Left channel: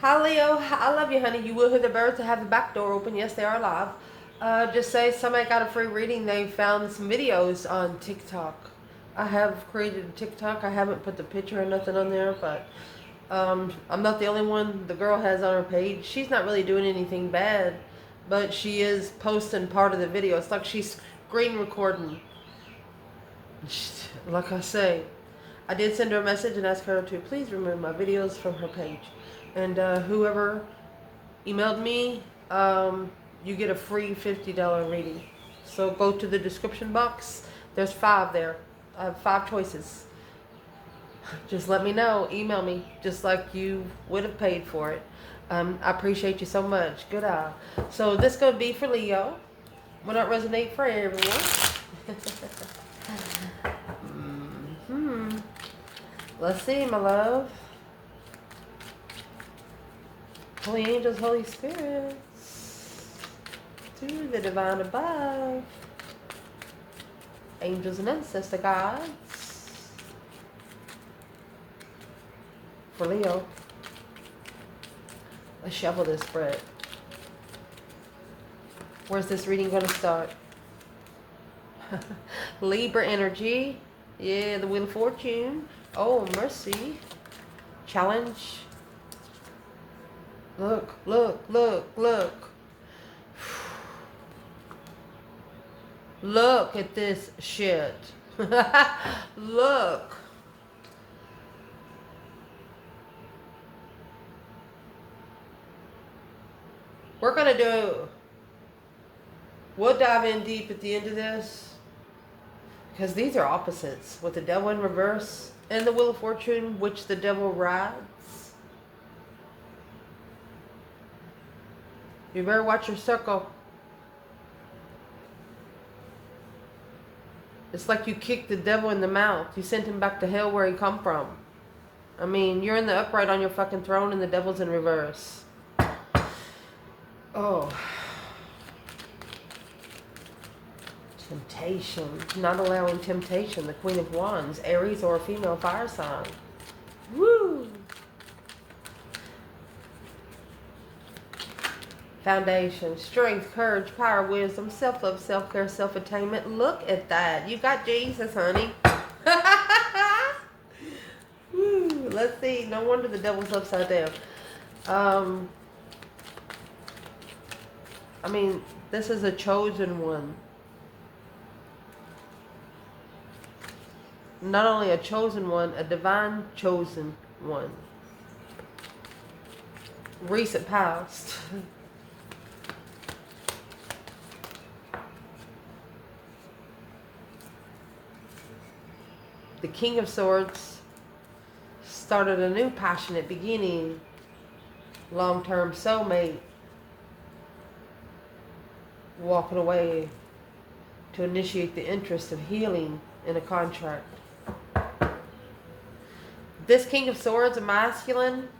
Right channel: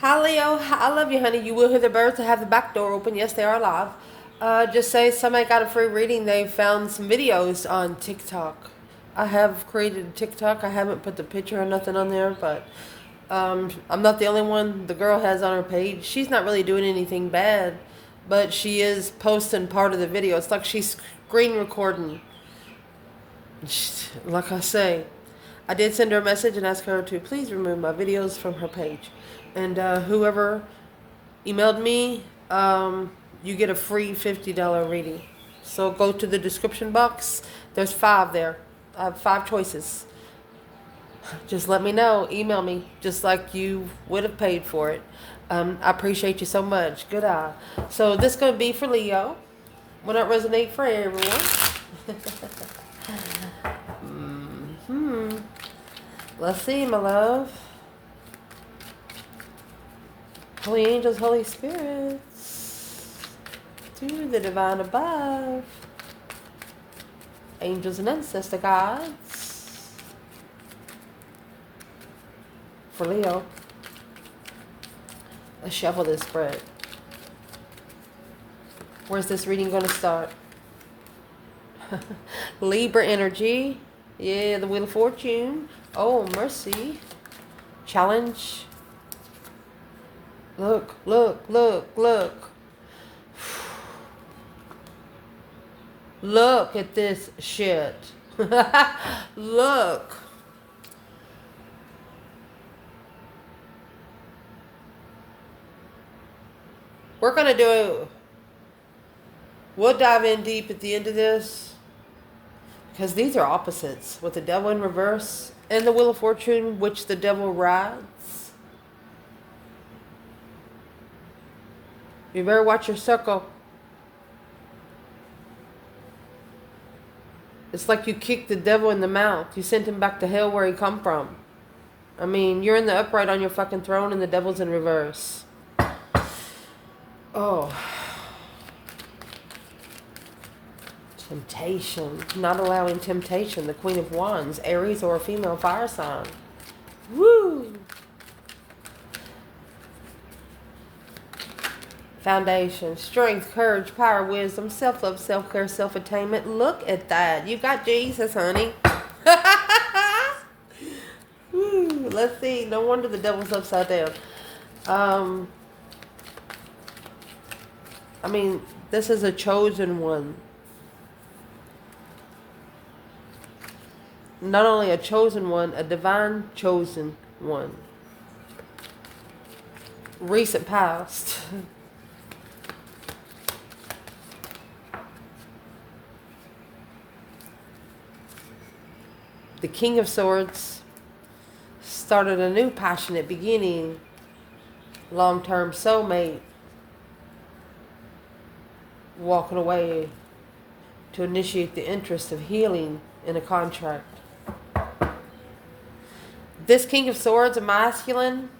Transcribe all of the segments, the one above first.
Hi Leo, I love you, honey. You will hear the birds. I have the back door open. Yes, they are alive. Just say somebody got a free reading. They found some videos on TikTok. I have created a TikTok. I haven't put the picture or nothing on there, but I'm not the only one. The girl has on her page. She's not really doing anything bad, but she is posting part of the video. It's like she's screen recording. Like I say, I did send her a message and ask her to please remove my videos from her page. And whoever emailed me, you get a free $50 reading. So go to the description box. There's 5 there. I have 5 choices. Just let me know. Email me, just like you would have paid for it. I appreciate you so much. Good eye. So this is going to be for Leo. Will not resonate for everyone. Let's see, my love. Holy angels, Holy spirits, to the divine above, angels and ancestor guides, for Leo. Let's shuffle this spread. Where's this reading going to start? Libra energy. Yeah, the Wheel of Fortune. Oh, mercy. Challenge. Look, look, look, look. Look at this shit. Look. We're going to do... We'll dive in deep at the end of this. Because these are opposites. With the devil in reverse and the Wheel of Fortune, which the devil rides. You better watch your circle. It's like you kicked the devil in the mouth. You sent him back to hell where he come from. I mean, you're in the upright on your fucking throne and the devil's in reverse. Oh. Temptation. Not allowing temptation. The Queen of Wands. Aries or a female fire sign. Woo! Foundation, strength, courage, power, wisdom, self-love, self-care, self-attainment. Look at that. You got Jesus, honey. Woo, let's see. No wonder the devil's upside down. I mean, this is a chosen one. Not only a chosen one, a divine chosen one. Recent past. The King of Swords started a new passionate beginning. Long-term soulmate. Walking away to initiate the interest of healing in a contract. This King of Swords, a masculine,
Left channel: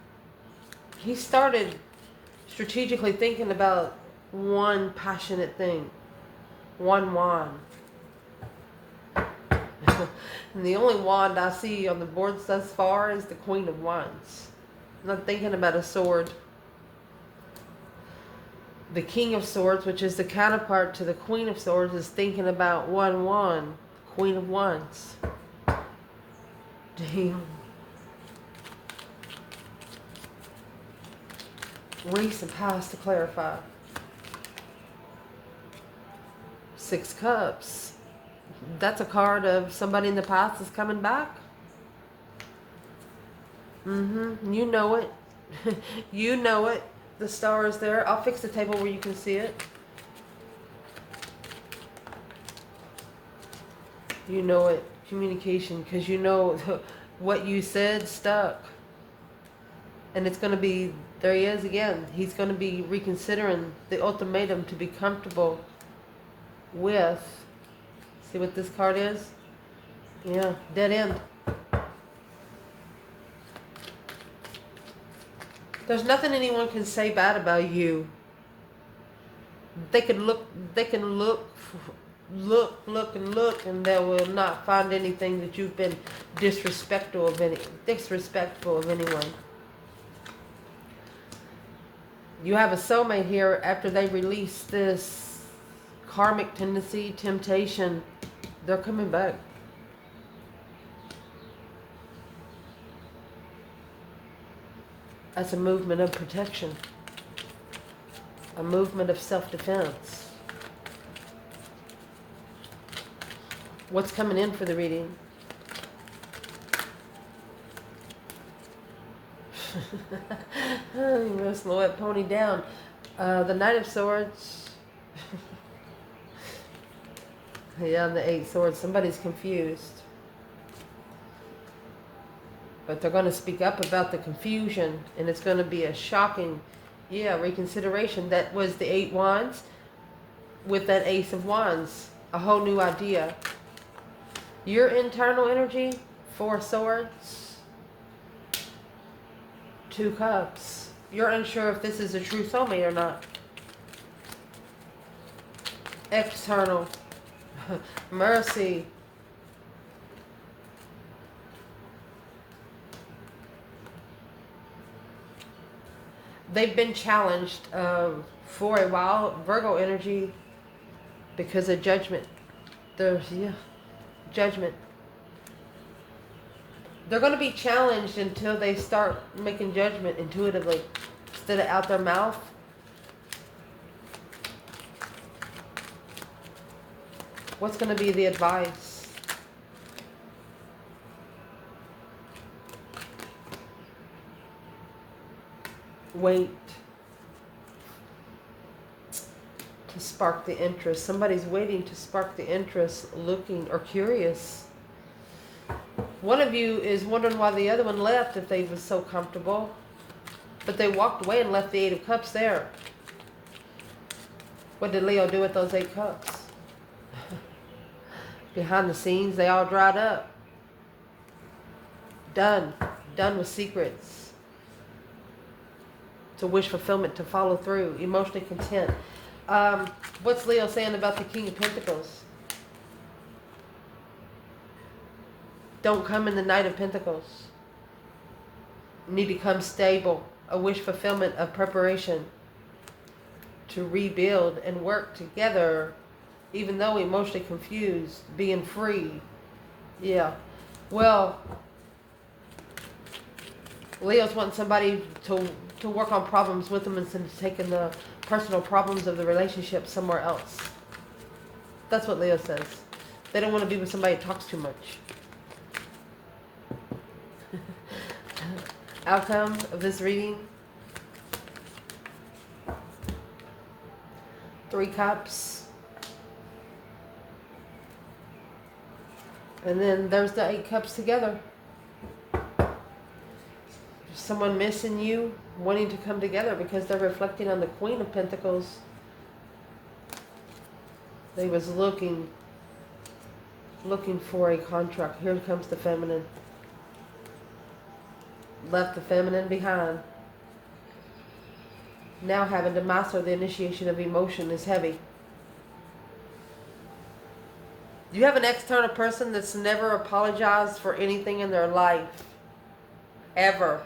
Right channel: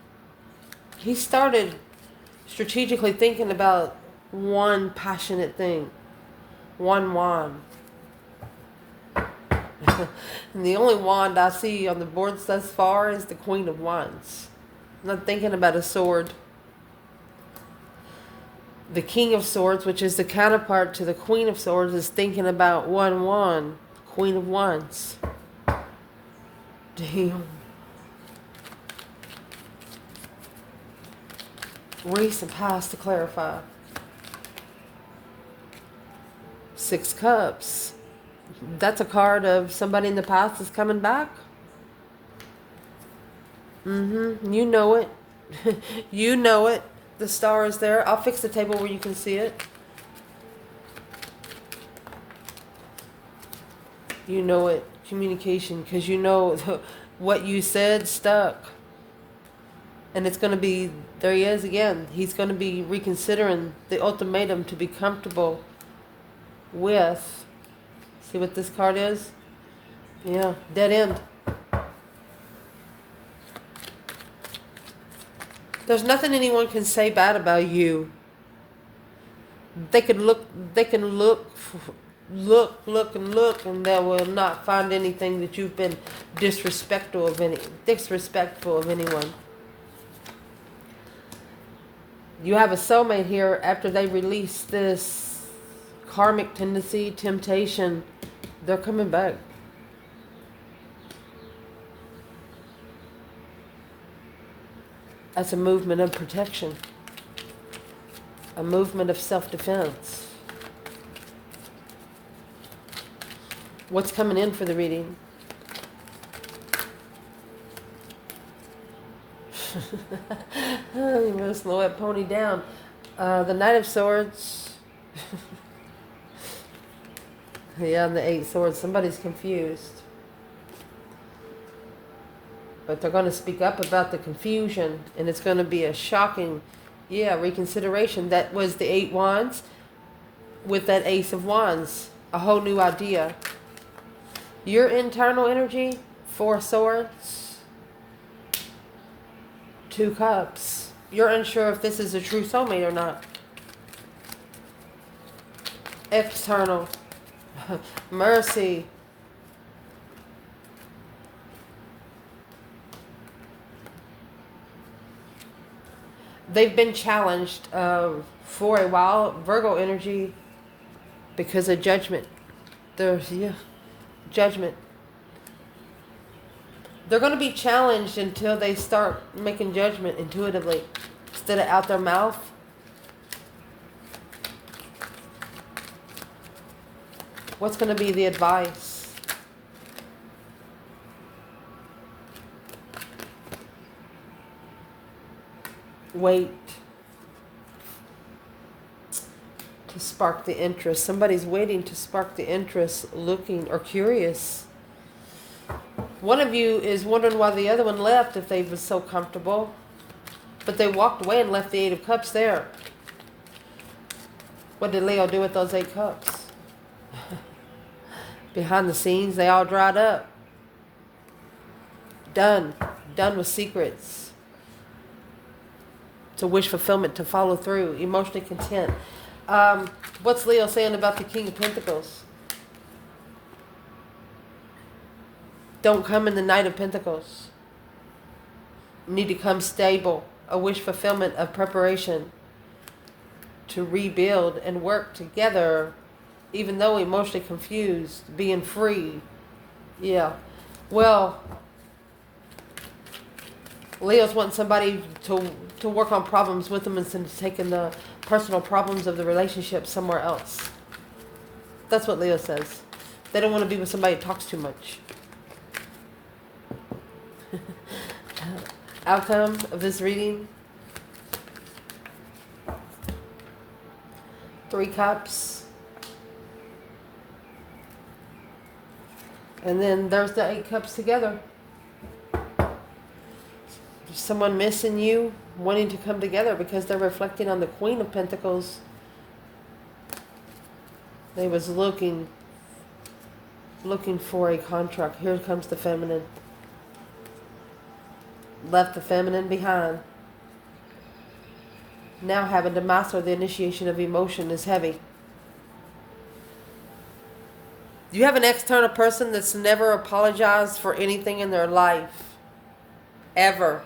he started strategically thinking about one passionate thing. One wand. And the only wand I see on the boards thus far is the Queen of Wands. I'm not thinking about a sword. The King of Swords, which is the counterpart to the Queen of Swords, is thinking about one wand. Queen of Wands. Damn. Recent past to clarify. 6 Cups. That's a card of somebody in the past is coming back. You know it. You know it. The star is there. I'll fix the table where you can see it. You know it. Communication. Because you know what you said stuck. And it's going to be, there he is again. He's going to be reconsidering the ultimatum to be comfortable with. See what this card is? Yeah, dead end. There's nothing anyone can say bad about you. They can look, and they will not find anything that you've been disrespectful of anyone. You have a soulmate here after they release this karmic tendency, temptation. They're coming back. That's a movement of protection. A movement of self-defense. What's coming in for the reading? Oh, you better slow that pony down. The Knight of Swords. Yeah, the Eight Swords. Somebody's confused. But they're going to speak up about the confusion. And it's going to be a shocking, reconsideration. That was the Eight Wands with that Ace of Wands. A whole new idea. Your internal energy, Four Swords, Two Cups. You're unsure if this is a true soulmate or not. External, Mercy. They've been challenged for a while, Virgo energy, because of judgment. There's, judgment. They're going to be challenged until they start making judgment intuitively instead of out their mouth. What's going to be the advice? Wait to spark the interest. Somebody's waiting to spark the interest, looking or curious. One of you is wondering why the other one left if they was so comfortable. But they walked away and left the Eight of Cups there. What did Leo do with those 8 cups? Behind the scenes, they all dried up. Done. Done with secrets. To wish fulfillment, to follow through. Emotionally content. What's Leo saying about the King of Pentacles? Don't come in the Knight of Pentacles. You need to come stable. A wish fulfillment of preparation. To rebuild and work together. Even though emotionally confused. Being free. Yeah. Well, Leo's wanting somebody to work on problems with them instead of taking the personal problems of the relationship somewhere else. That's what Leo says. They don't want to be with somebody that talks too much. Outcome of this reading. 3 cups. And then there's the 8 cups together. Someone missing you, wanting to come together because they're reflecting on the Queen of Pentacles. They was looking for a contract. Here comes the feminine. Left the feminine behind. Now having to master the initiation of emotion is heavy. You have an external person that's never apologized for anything in their life. Ever.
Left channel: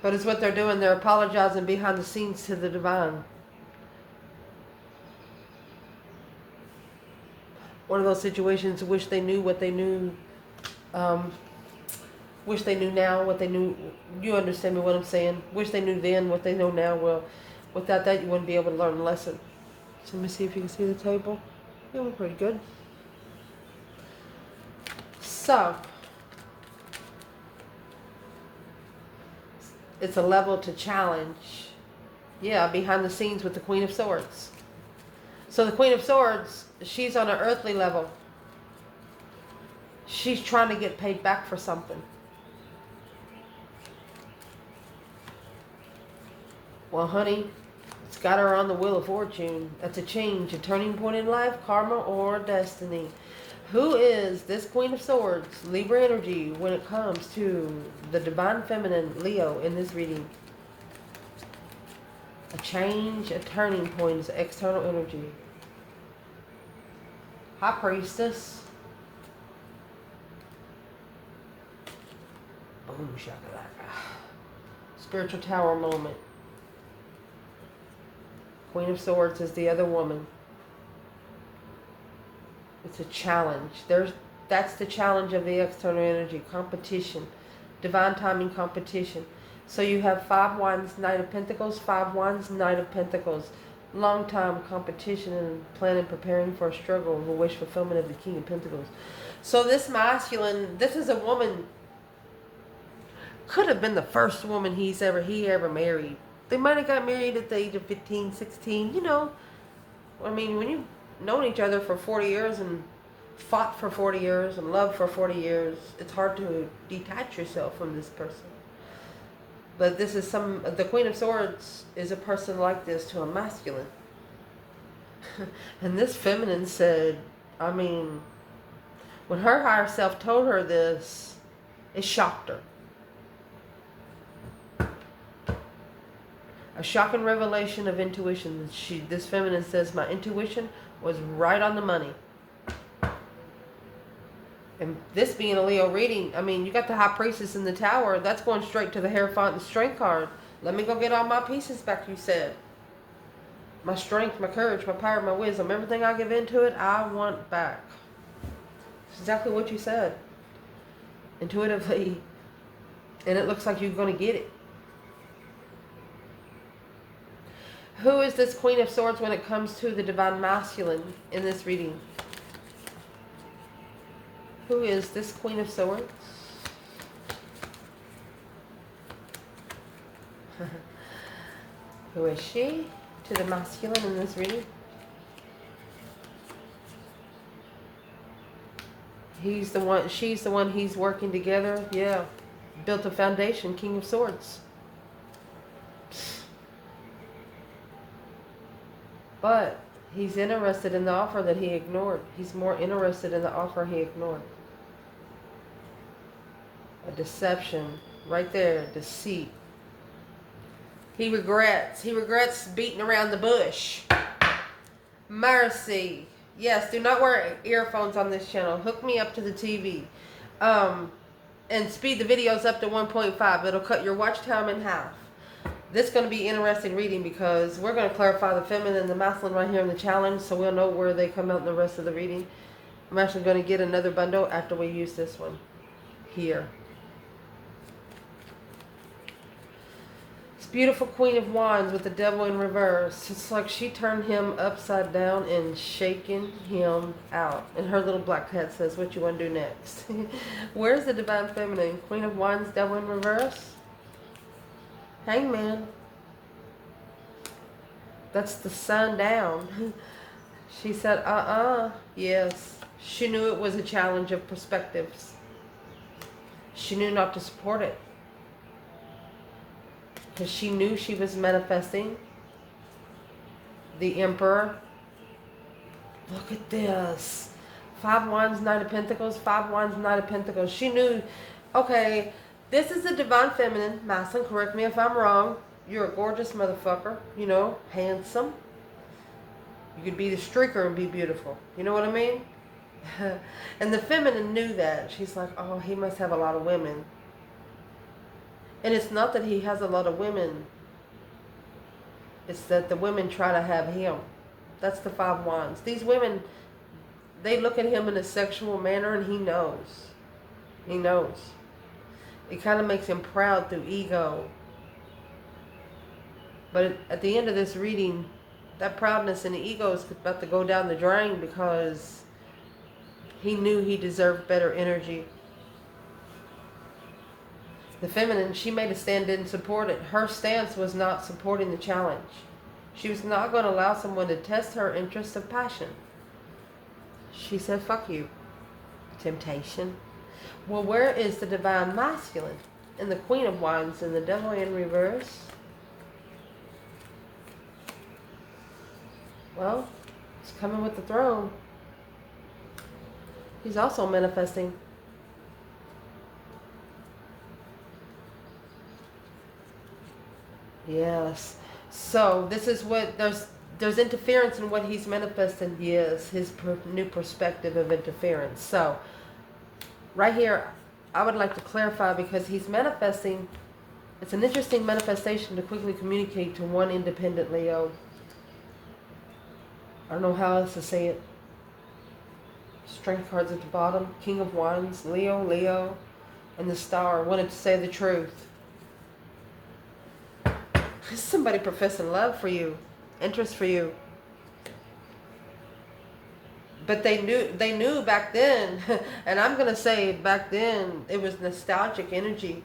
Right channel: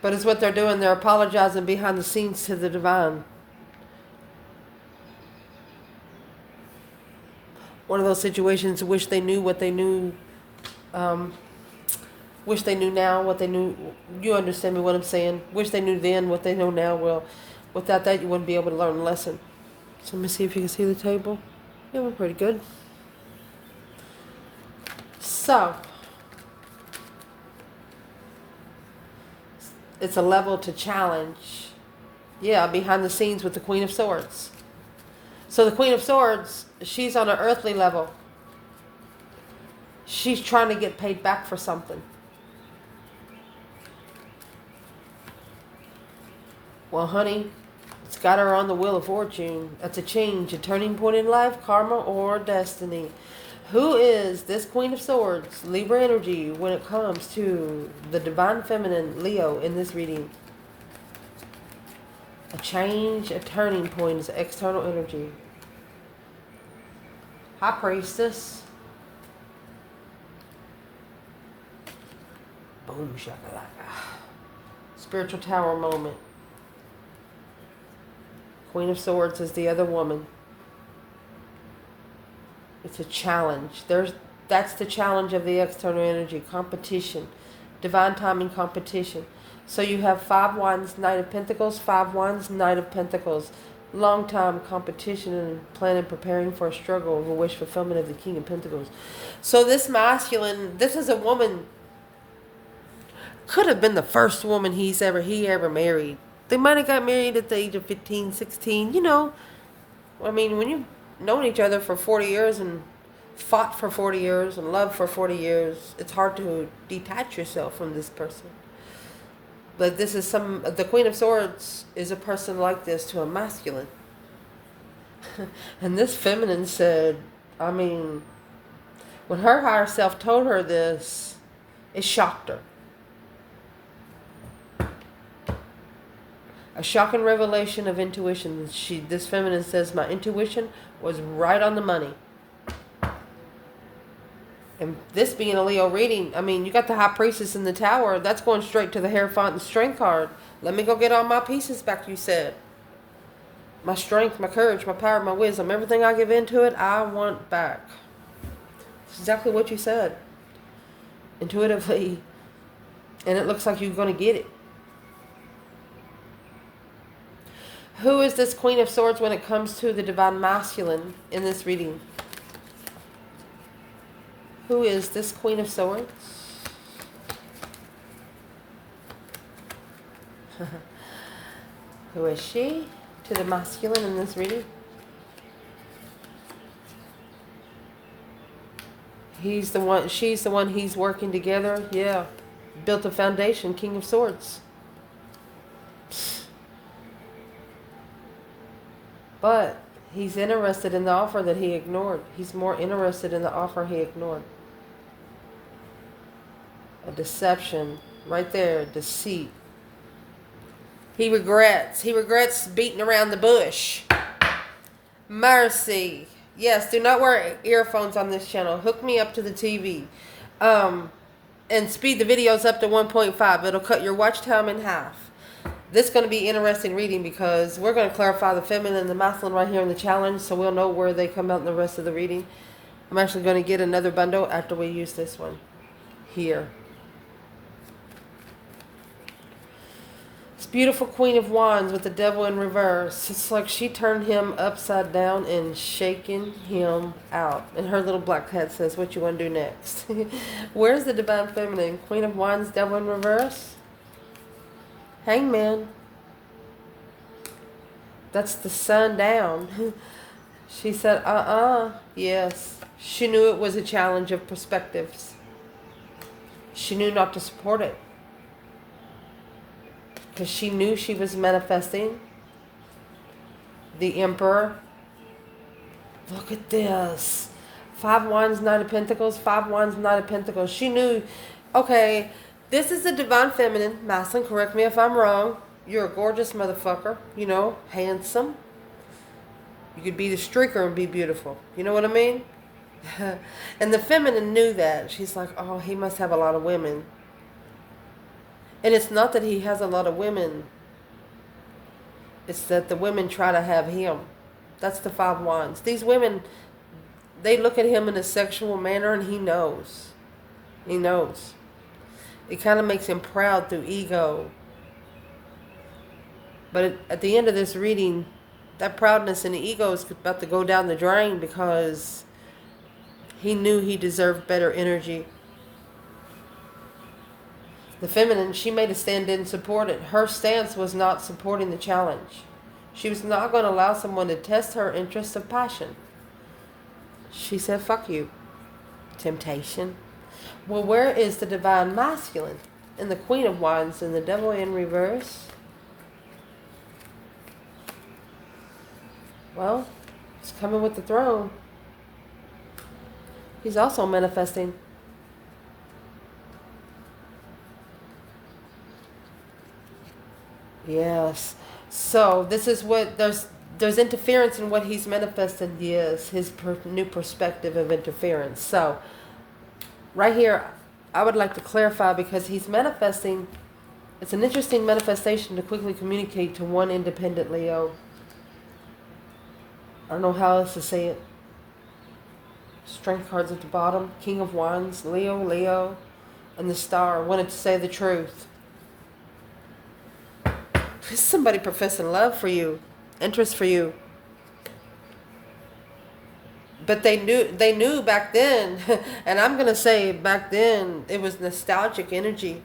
But it's what they're doing. They're apologizing behind the scenes to the divine. One of those situations, wish they knew what they knew. Wish they knew now what they knew. You understand me what I'm saying? Wish they knew then what they know now. Well, without that, you wouldn't be able to learn a lesson. So let me see if you can see the table. Yeah, we're pretty good. So, it's a level to challenge. Yeah, behind the scenes with the Queen of Swords. So the Queen of Swords, she's on an earthly level. She's trying to get paid back for something. Well, honey, it's got her on the Wheel of Fortune. It's a change, a turning point in life, karma, or destiny. Who is this Queen of Swords, Libra energy, when it comes to the divine feminine, Leo, in this reading? A change, a turning point is external energy. High Priestess. Boom. Boom, shakalaka. Spiritual Tower moment. Queen of Swords is the other woman. It's a challenge. That's the challenge of the external energy. Competition. Divine timing competition. So you have 5 Wands, Knight of Pentacles, 5 Wands, Knight of Pentacles. Long time competition and planning, preparing for a struggle of a wish fulfillment of the King of Pentacles. So this masculine, this is a woman, could have been the first woman he ever married. They might have got married at the age of 15, 16, you know. I mean, when you've known each other for 40 years and fought for 40 years and loved for 40 years, it's hard to detach yourself from this person. But this is the Queen of Swords is a person like this to a masculine. And this feminine said, I mean, when her higher self told her this, it shocked her. A shocking revelation of intuition. This feminine says, my intuition was right on the money. And this being a Leo reading, I mean, you got the High Priestess in the Tower. That's going straight to the Hierophant and Strength card. Let me go get all my pieces back, you said. My strength, my courage, my power, my wisdom, everything I give into it, I want back. It's exactly what you said. Intuitively. And it looks like you're going to get it. Who is this Queen of Swords when it comes to the Divine Masculine in this reading? Who is this Queen of Swords? Who is she to the masculine in this reading? He's the one, she's the one he's working together. Yeah. Built a foundation, King of Swords. But he's interested in the offer that he ignored. He's more interested in the offer he ignored. A deception. Right there. Deceit. He regrets. He regrets beating around the bush. Mercy. Yes, do not wear earphones on this channel. Hook me up to the TV. And speed the videos up to 1.5. It'll cut your watch time in half. This is going to be interesting reading because we're going to clarify the feminine and the masculine right here in the challenge, so we'll know where they come out in the rest of the reading. I'm actually going to get another bundle after we use this one here. This beautiful Queen of Wands with the Devil in reverse. It's like she turned him upside down and shaking him out. And her little black cat says, what you want to do next? Where's the Divine Feminine? Queen of Wands, Devil in reverse? Hangman. That's the sun down. She said, yes. She knew it was a challenge of perspectives. She knew not to support it. Because she knew she was manifesting the Emperor. Look at this. 5 Wands, Knight of Pentacles, 5 Wands, Knight of Pentacles. She knew, okay, this is the Divine Feminine. Masculine, correct me if I'm wrong. You're a gorgeous motherfucker. You know, handsome. You could be the streaker and be beautiful. You know what I mean? And the feminine knew that. She's like, oh, he must have a lot of women. And it's not that he has a lot of women. It's that the women try to have him. That's the 5 Wands. These women, they look at him in a sexual manner and he knows. He knows. It kind of makes him proud through ego. But at the end of this reading, that proudness and the ego is about to go down the drain because he knew he deserved better energy. The feminine, she made a stand, didn't support it. Her stance was not supporting the challenge. She was not going to allow someone to test her interest of passion. She said, fuck you. Temptation. Well, where is the Divine Masculine? And the Queen of Wands and the Devil in reverse? Well, it's coming with the throne. He's also manifesting. Yes. So this is what there's interference in what he's manifested. Yes, his new perspective of interference. So right here, I would like to clarify because he's manifesting. It's an interesting manifestation to quickly communicate to one independent Leo. I don't know how else to say it. Strength cards at the bottom. King of Wands, Leo, Leo, and the Star. Wanted to say the truth. Somebody professing love for you, interest for you. But they knew back then, and I'm going to say back then, it was nostalgic energy.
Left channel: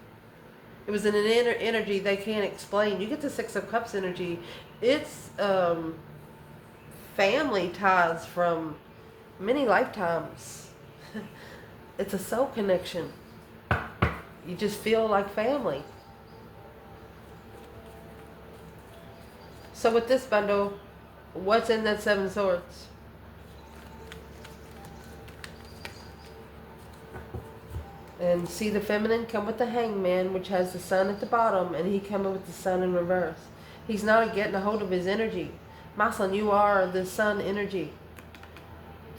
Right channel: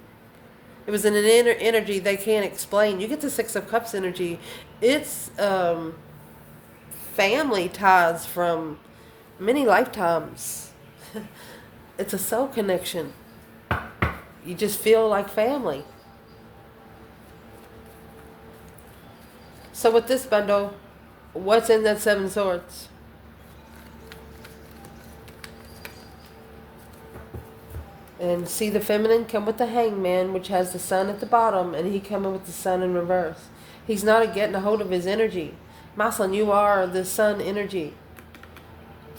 It was an inner energy they can't explain. You get the Six of Cups energy. It's family ties from many lifetimes. It's a soul connection. You just feel like family. So with this bundle, what's in that Seven Swords? And see the feminine come with the Hangman, which has the sun at the bottom, and he coming with the sun in reverse. He's not getting a hold of his energy. Maslin, you are the sun energy.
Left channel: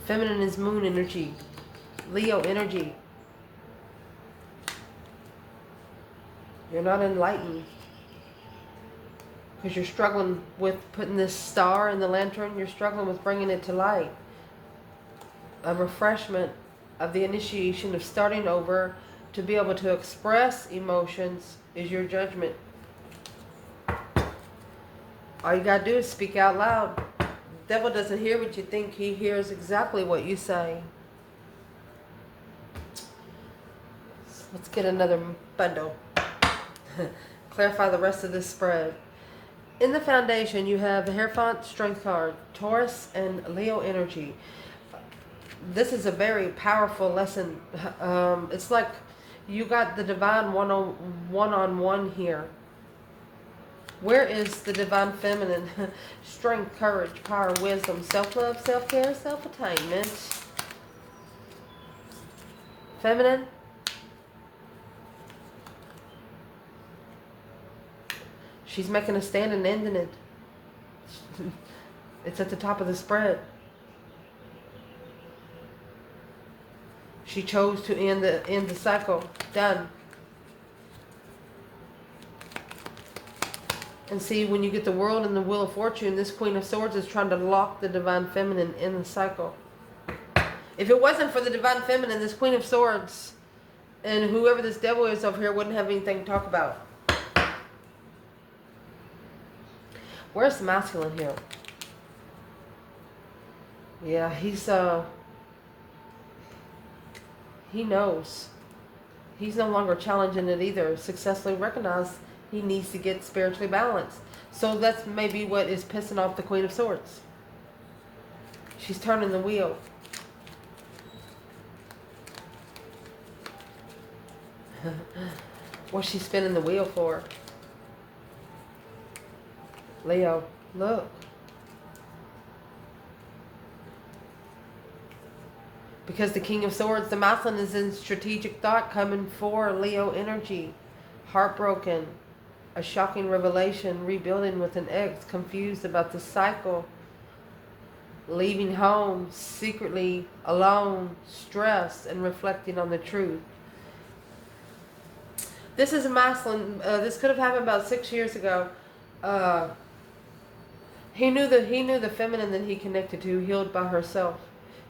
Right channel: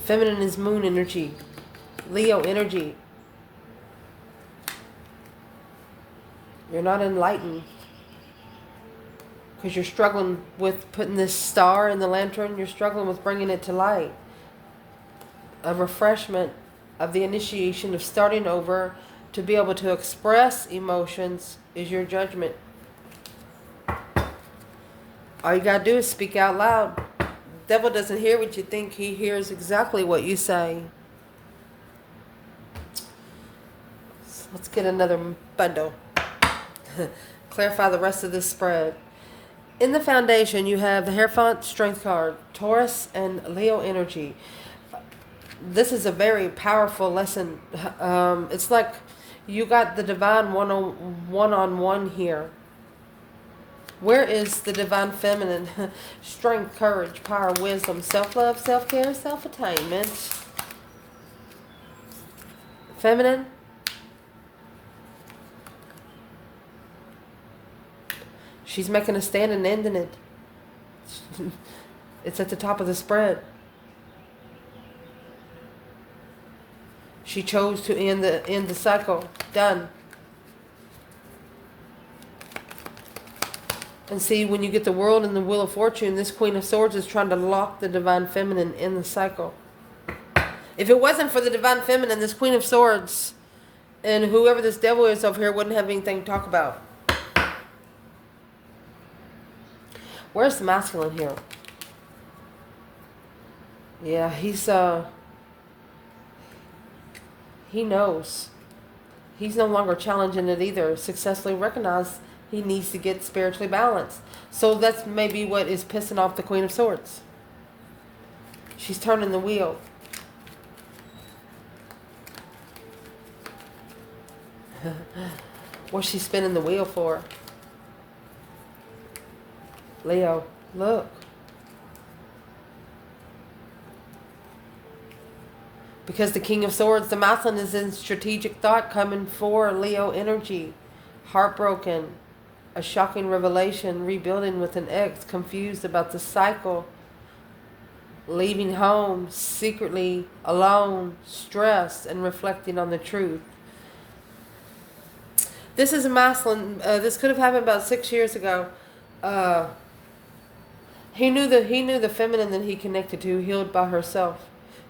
Feminine is moon energy. Leo energy. You're not enlightened. Because you're struggling with putting this star in the lantern. You're struggling with bringing it to light. A refreshment of the initiation of starting over to be able to express emotions is your judgment. All you gotta do is speak out loud. The devil doesn't hear what you think. He hears exactly what you say. So let's get another bundle. Clarify the rest of this spread. In the foundation, you have the Hierophant Strength card, Taurus and Leo energy. This is a very powerful lesson. It's like you got the divine one-on-one here. Where is the divine feminine? Strength, courage, power, wisdom, self-love, self-care, self-attainment. Feminine. She's making a stand and ending it. It's at the top of the spread. She chose to end the cycle. Done. And see, when you get the World and the Wheel of Fortune, this Queen of Swords is trying to lock the Divine Feminine in the cycle. If it wasn't for the Divine Feminine, this Queen of Swords and whoever this devil is over here wouldn't have anything to talk about. Where's the masculine here? Yeah, he knows. He's no longer challenging it either. Successfully recognized he needs to get spiritually balanced. So that's maybe what is pissing off the Queen of Swords. She's turning the wheel. What's she spinning the wheel for? Leo, look. Because the King of Swords, the masculine is in strategic thought coming for Leo energy. Heartbroken. A shocking revelation. Rebuilding with an ex. Confused about the cycle. Leaving home. Secretly alone. Stressed and reflecting on the truth. This is a masculine. This could have happened about 6 years ago. He knew the feminine that he connected to healed by herself.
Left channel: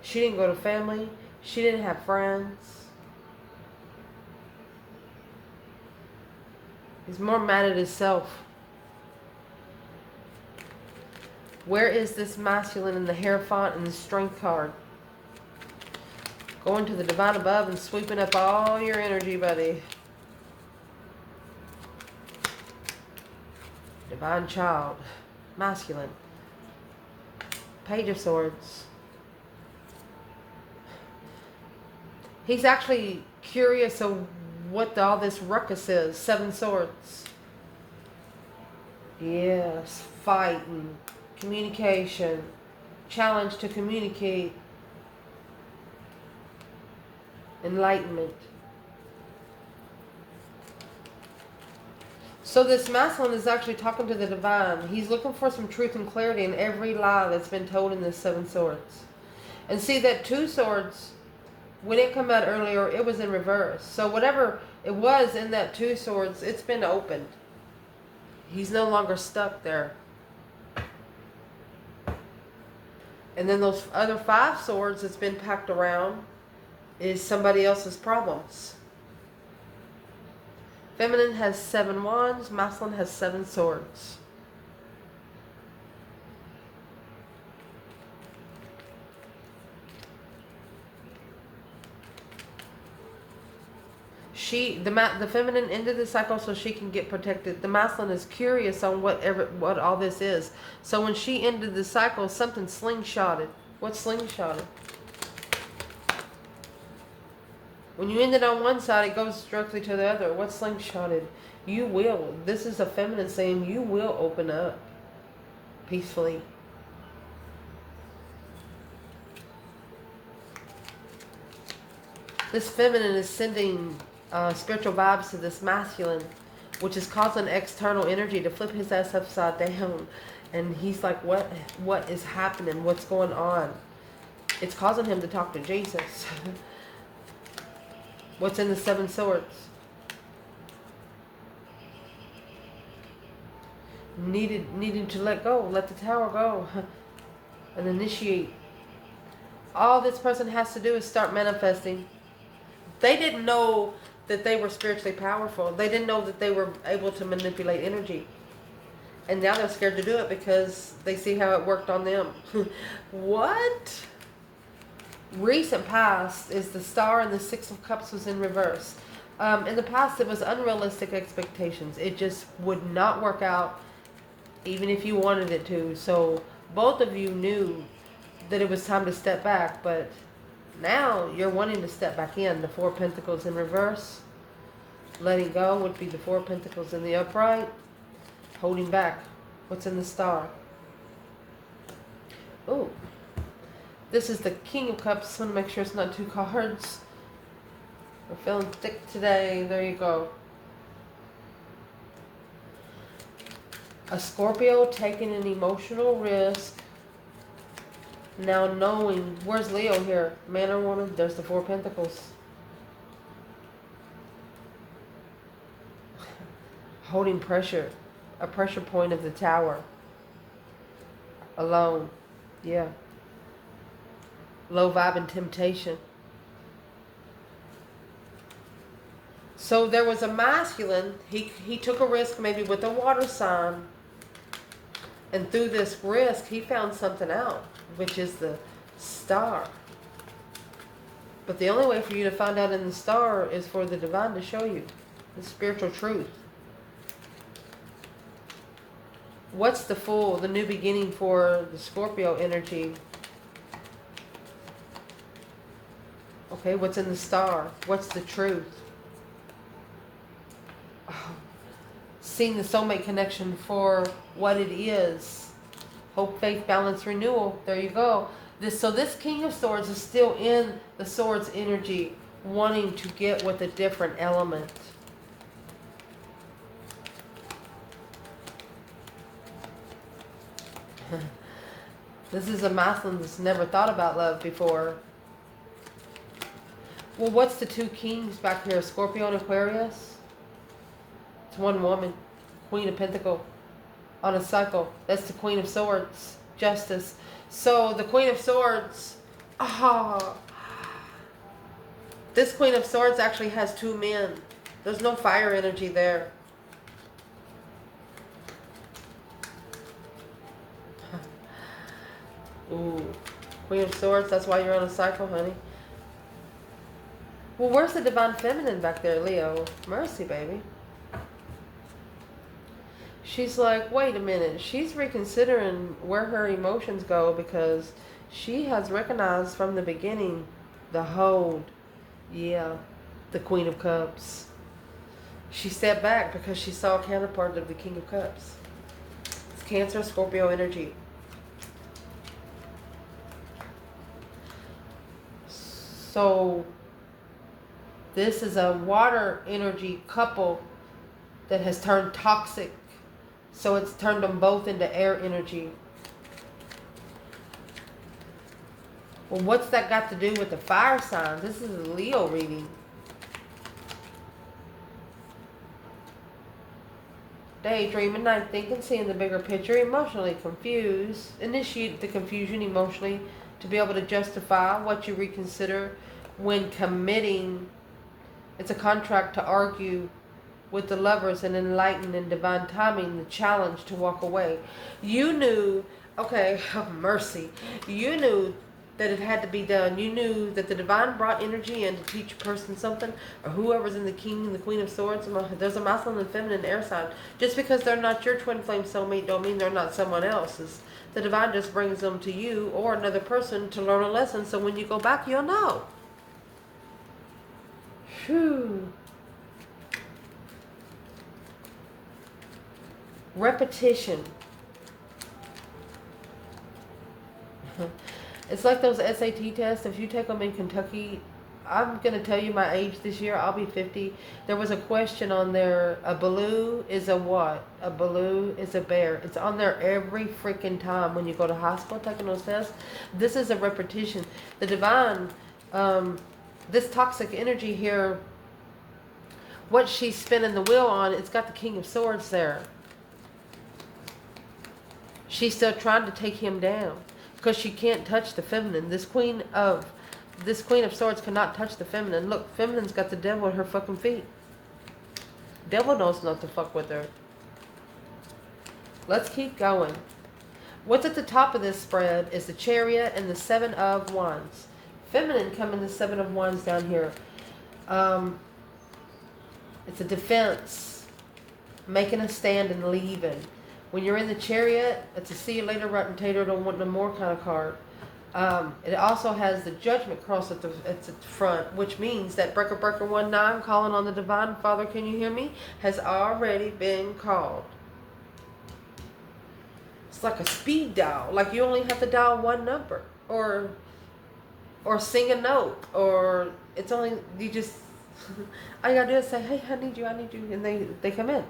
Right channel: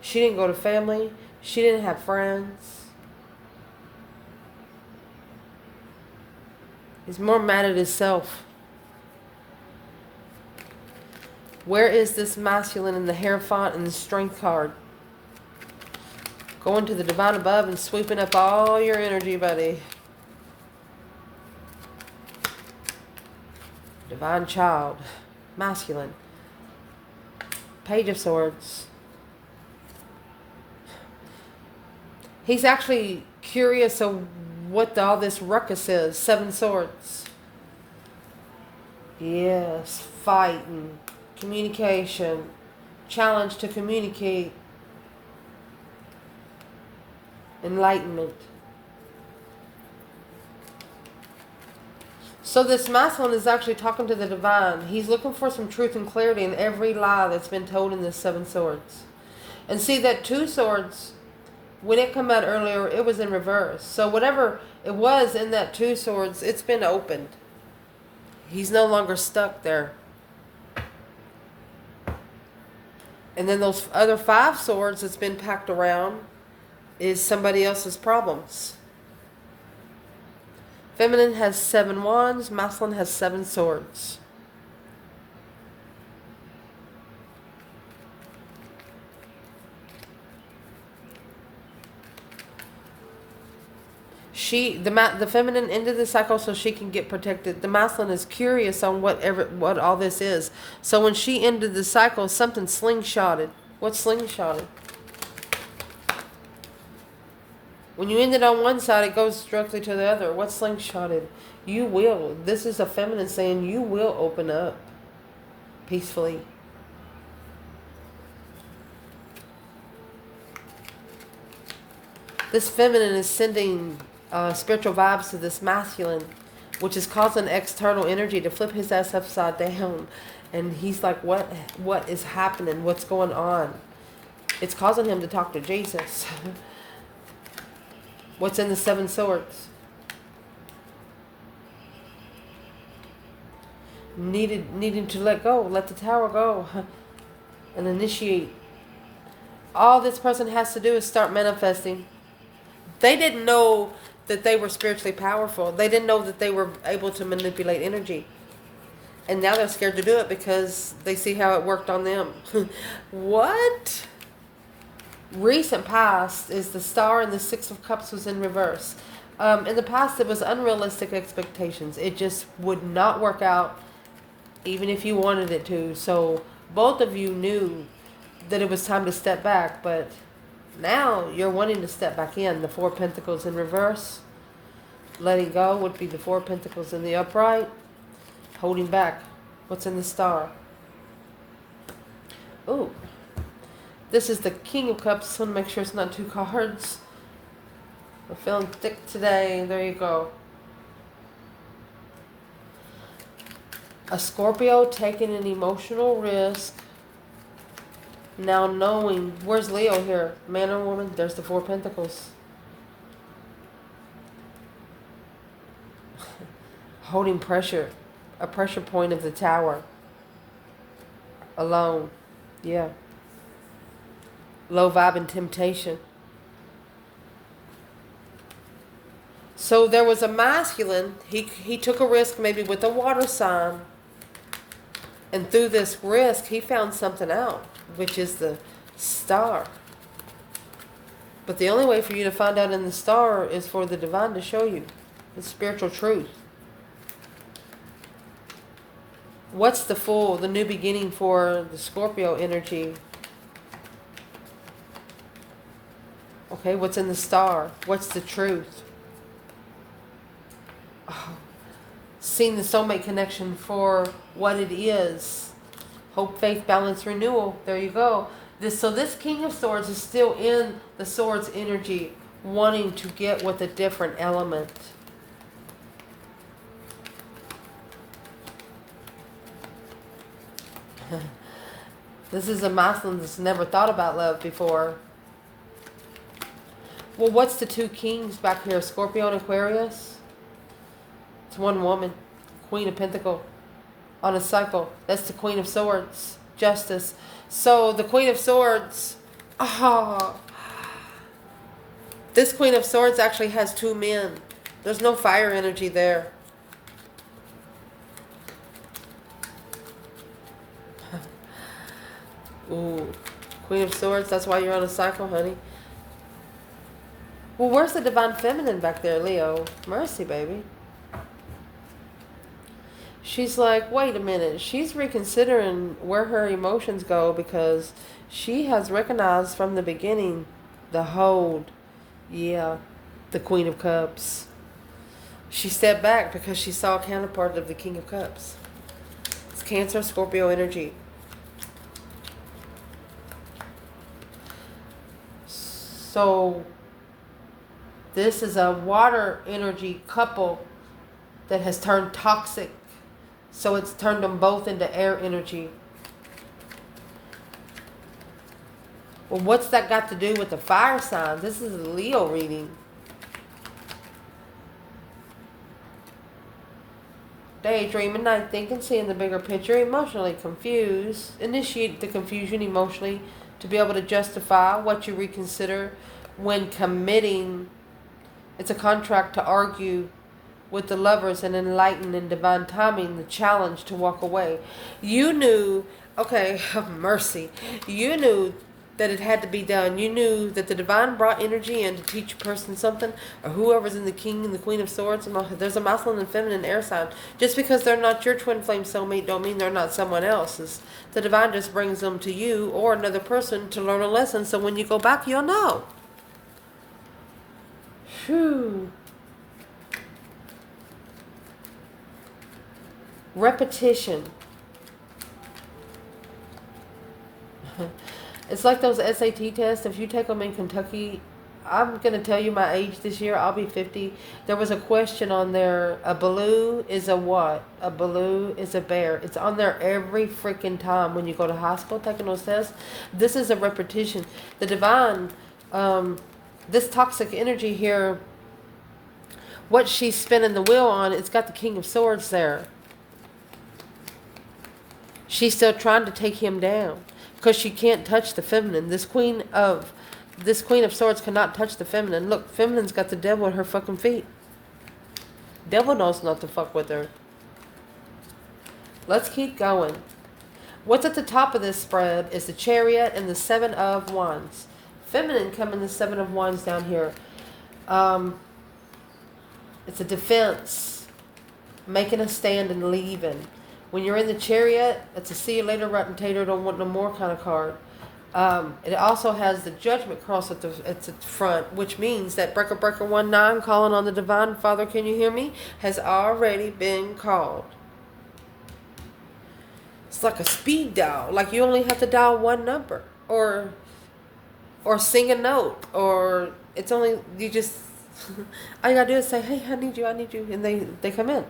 She didn't go to family. She didn't have friends. He's more mad at himself. Where is this masculine in the Hierophant and the Strength card? Going to the divine above and sweeping up all your energy, buddy. Divine child. Masculine. Page of Swords. He's actually curious of what all this ruckus is. 7 Swords. Yes, fighting, communication, challenge to communicate, enlightenment. So this masculine is actually talking to the divine. He's looking for some truth and clarity in every lie that's been told in this 7 Swords. And see that 2 Swords When it come out earlier, it was in reverse. So whatever it was in that 2 swords, it's been opened. He's no longer stuck there. And then those other 5 swords that's been packed around is somebody else's problems. Feminine has 7 wands, masculine has 7 swords. The feminine ended the cycle so she can get protected. The masculine is curious on what all this is. So when she ended the cycle, something slingshotted. What slingshotted? When you end it on one side, it goes directly to the other. What slingshotted? You will. This is a feminine saying you will open up peacefully. This feminine is sending spiritual vibes to this masculine, which is causing external energy to flip his ass upside down. And he's like, what is happening? What's going on? It's causing him to talk to Jesus. What's in the 7 swords? Needing to let go, let the tower go, and initiate. All this person has to do is start manifesting. They didn't know that they were spiritually powerful. They didn't know that they were able to manipulate energy. And now they're scared to do it because they see how it worked on them. What? Recent past is the Star and the 6 of Cups was in reverse. In the past, it was unrealistic expectations. It just would not work out even if you wanted it to. So both of you knew that it was time to step back, but now you're wanting to step back in. The 4 Pentacles in reverse. Letting go would be the 4 Pentacles in the upright. Holding back. What's in the Star? Ooh. This is the King of Cups. Just want to make sure it's not 2 cards. We're feeling thick today. There you go. A Scorpio taking an emotional risk. Now knowing, where's Leo here? Man or woman? There's the 4 Pentacles. Holding pressure. A pressure point of the tower. Alone. Yeah. Low vibe and temptation. So there was a masculine. He took a risk maybe with a water sign. And through this risk, he found something out, which is the Star. But the only way for you to find out in the Star is for the divine to show you the spiritual truth. What's the Fool, the new beginning for the Scorpio energy? Okay, what's in the Star? What's the truth? Oh, seeing the soulmate connection for what it is. Hope, faith, balance, renewal. There you go. So this King of Swords is still in the Swords energy, wanting to get with a different element. This is a masculine that's never thought about love before. Well, what's the 2 kings back here? Scorpio and Aquarius? It's one woman. Queen of Pentacles. On a cycle. That's the Queen of Swords. Justice. So the Queen of Swords. This Queen of Swords actually has 2 men. There's no fire energy there. Ooh. Queen of Swords. That's why you're on a cycle, honey. Well, where's the Divine Feminine back there, Leo? Mercy, baby. She's like, wait a minute. She's reconsidering where her emotions go because she has recognized from the beginning the hold. Yeah, the Queen of Cups. She stepped back because she saw a counterpart of the King of Cups. It's Cancer, Scorpio energy. So this is a water energy couple that has turned toxic. So it's turned them both into air energy. Well, what's that got to do with the fire sign? This is a Leo reading. Daydreaming, night thinking, seeing the bigger picture, emotionally confused. Initiate the confusion emotionally to be able to justify what you reconsider when committing. It's a contract to argue with the lovers and enlighten in divine timing the challenge to walk away. You knew, okay, mercy. You knew that it had to be done. You knew that the divine brought energy in to teach a person something, or whoever's in the king and the queen of swords. There's a masculine and feminine air sign. Just because they're not your twin flame soulmate don't mean they're not someone else's. The divine just brings them to you or another person to learn a lesson, so when you go back, you'll know. Phew. Repetition. It's like those SAT tests. If you take them in Kentucky, I'm going to tell you my age this year. I'll be 50. There was a question on there. A baloo is a what? A baloo is a bear. It's on there every freaking time when you go to high school taking those tests. This is a repetition. The divine, this toxic energy here, what she's spinning the wheel on, it's got the King of Swords there. She's still trying to take him down because she can't touch the feminine. This queen of swords cannot touch the feminine. Look, feminine's got the devil at her fucking feet. Devil knows not to fuck with her. Let's keep going. What's at the top of this spread is the Chariot and the Seven of Wands. Feminine come in the Seven of Wands down here. It's a defense, making a stand and leaving. When you're in the Chariot, it's a see you later, rotten tater, don't want no more kind of card. It also has the Judgment cross at the front, which means that Breaker 19, calling on the Divine Father, can you hear me, has already been called. It's like a speed dial. Like you only have to dial one number, or sing a note, or it's only, you just, all you gotta do is say, hey, I need you, and they come in.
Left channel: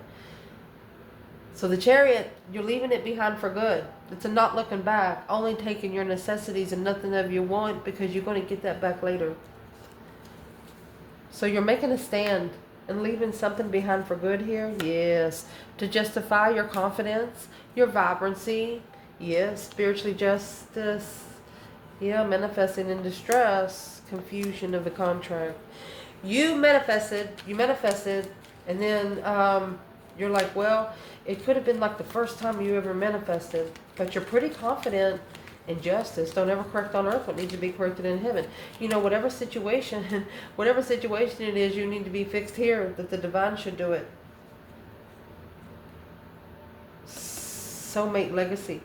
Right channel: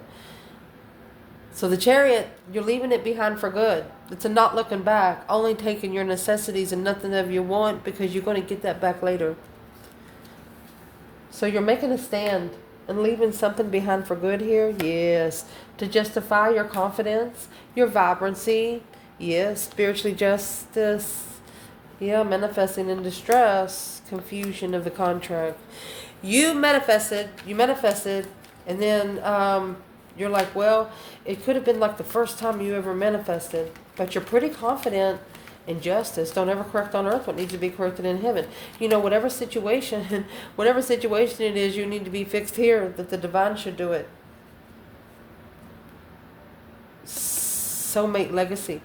So the Chariot, you're leaving it behind for good. It's a not looking back, only taking your necessities and nothing of your want, because you're going to get that back later. So you're making a stand and leaving something behind for good here? Yes. To justify your confidence, your vibrancy. Yes. Spiritually justice. Yeah. Manifesting in distress. Confusion of the contract. You manifested, and then you're like, well, it could have been like the first time you ever manifested, but you're pretty confident in justice. Don't ever correct on earth what needs to be corrected in heaven. You know, whatever situation it is, you need to be fixed here, that the divine should do it. Soulmate legacy.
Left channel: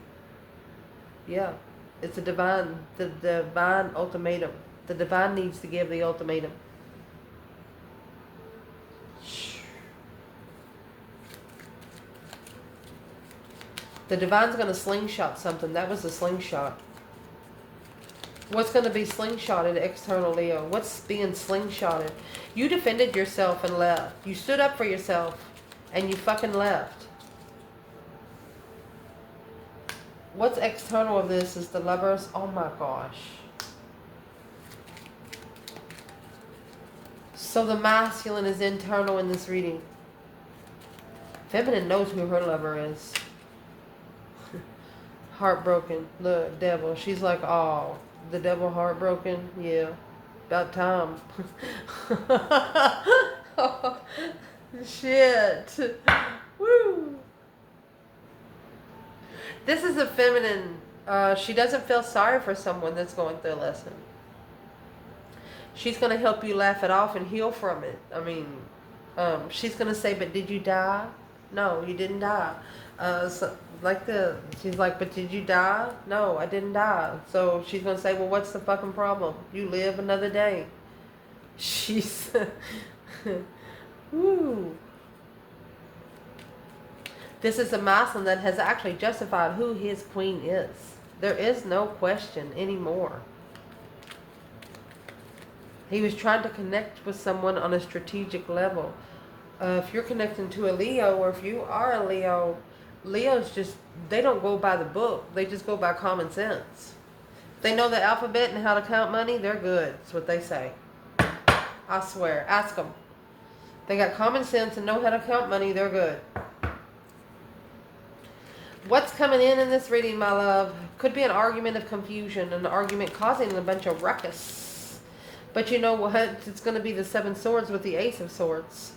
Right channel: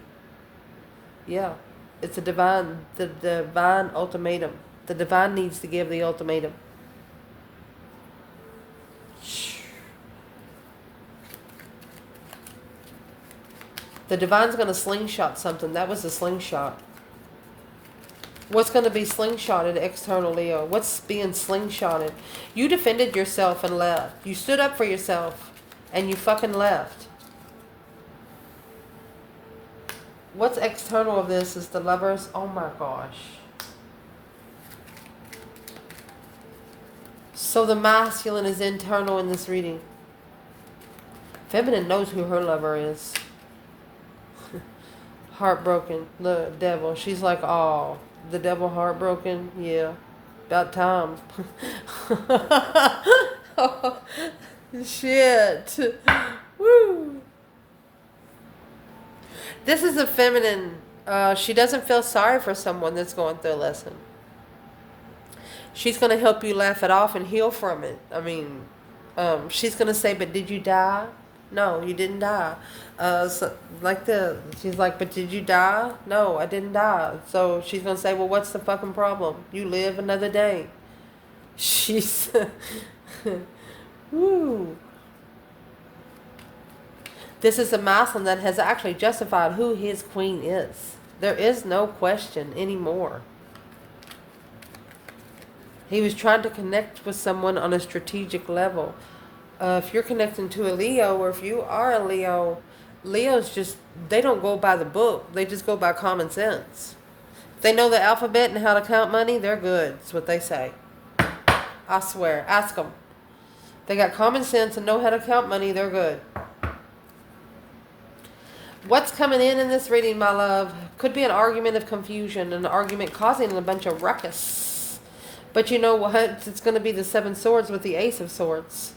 Yeah, it's the divine ultimatum. The divine needs to give the ultimatum. The divine's going to slingshot something. That was a slingshot. What's going to be slingshotted, external Leo? What's being slingshotted? You defended yourself and left. You stood up for yourself and you fucking left. What's external of this is the Lovers. Oh my gosh. So the masculine is internal in this reading. Feminine knows who her lover is. Heartbroken. The devil. She's like, oh, the devil heartbroken? Yeah. About time. Oh, shit. Woo. This is a feminine. She doesn't feel sorry for someone that's going through a lesson. She's going to help you laugh it off and heal from it. I mean, she's going to say, but did you die? No, you didn't die. She's like, but did you die? No, I didn't die. So she's going to say, well, what's the fucking problem? You live another day. She's, woo. This is a masculine that has actually justified who his queen is. There is no question anymore. He was trying to connect with someone on a strategic level. If you're connecting to a Leo, or if you are a Leo, Leos just, they don't go by the book. They just go by common sense. If they know the alphabet and how to count money, they're good. That's what they say. I swear. Ask them. They got common sense and know how to count money, they're good. What's coming in this reading, my love, could be an argument of confusion, an argument causing a bunch of ruckus. But you know what? It's going to be the Seven Swords with the Ace of Swords.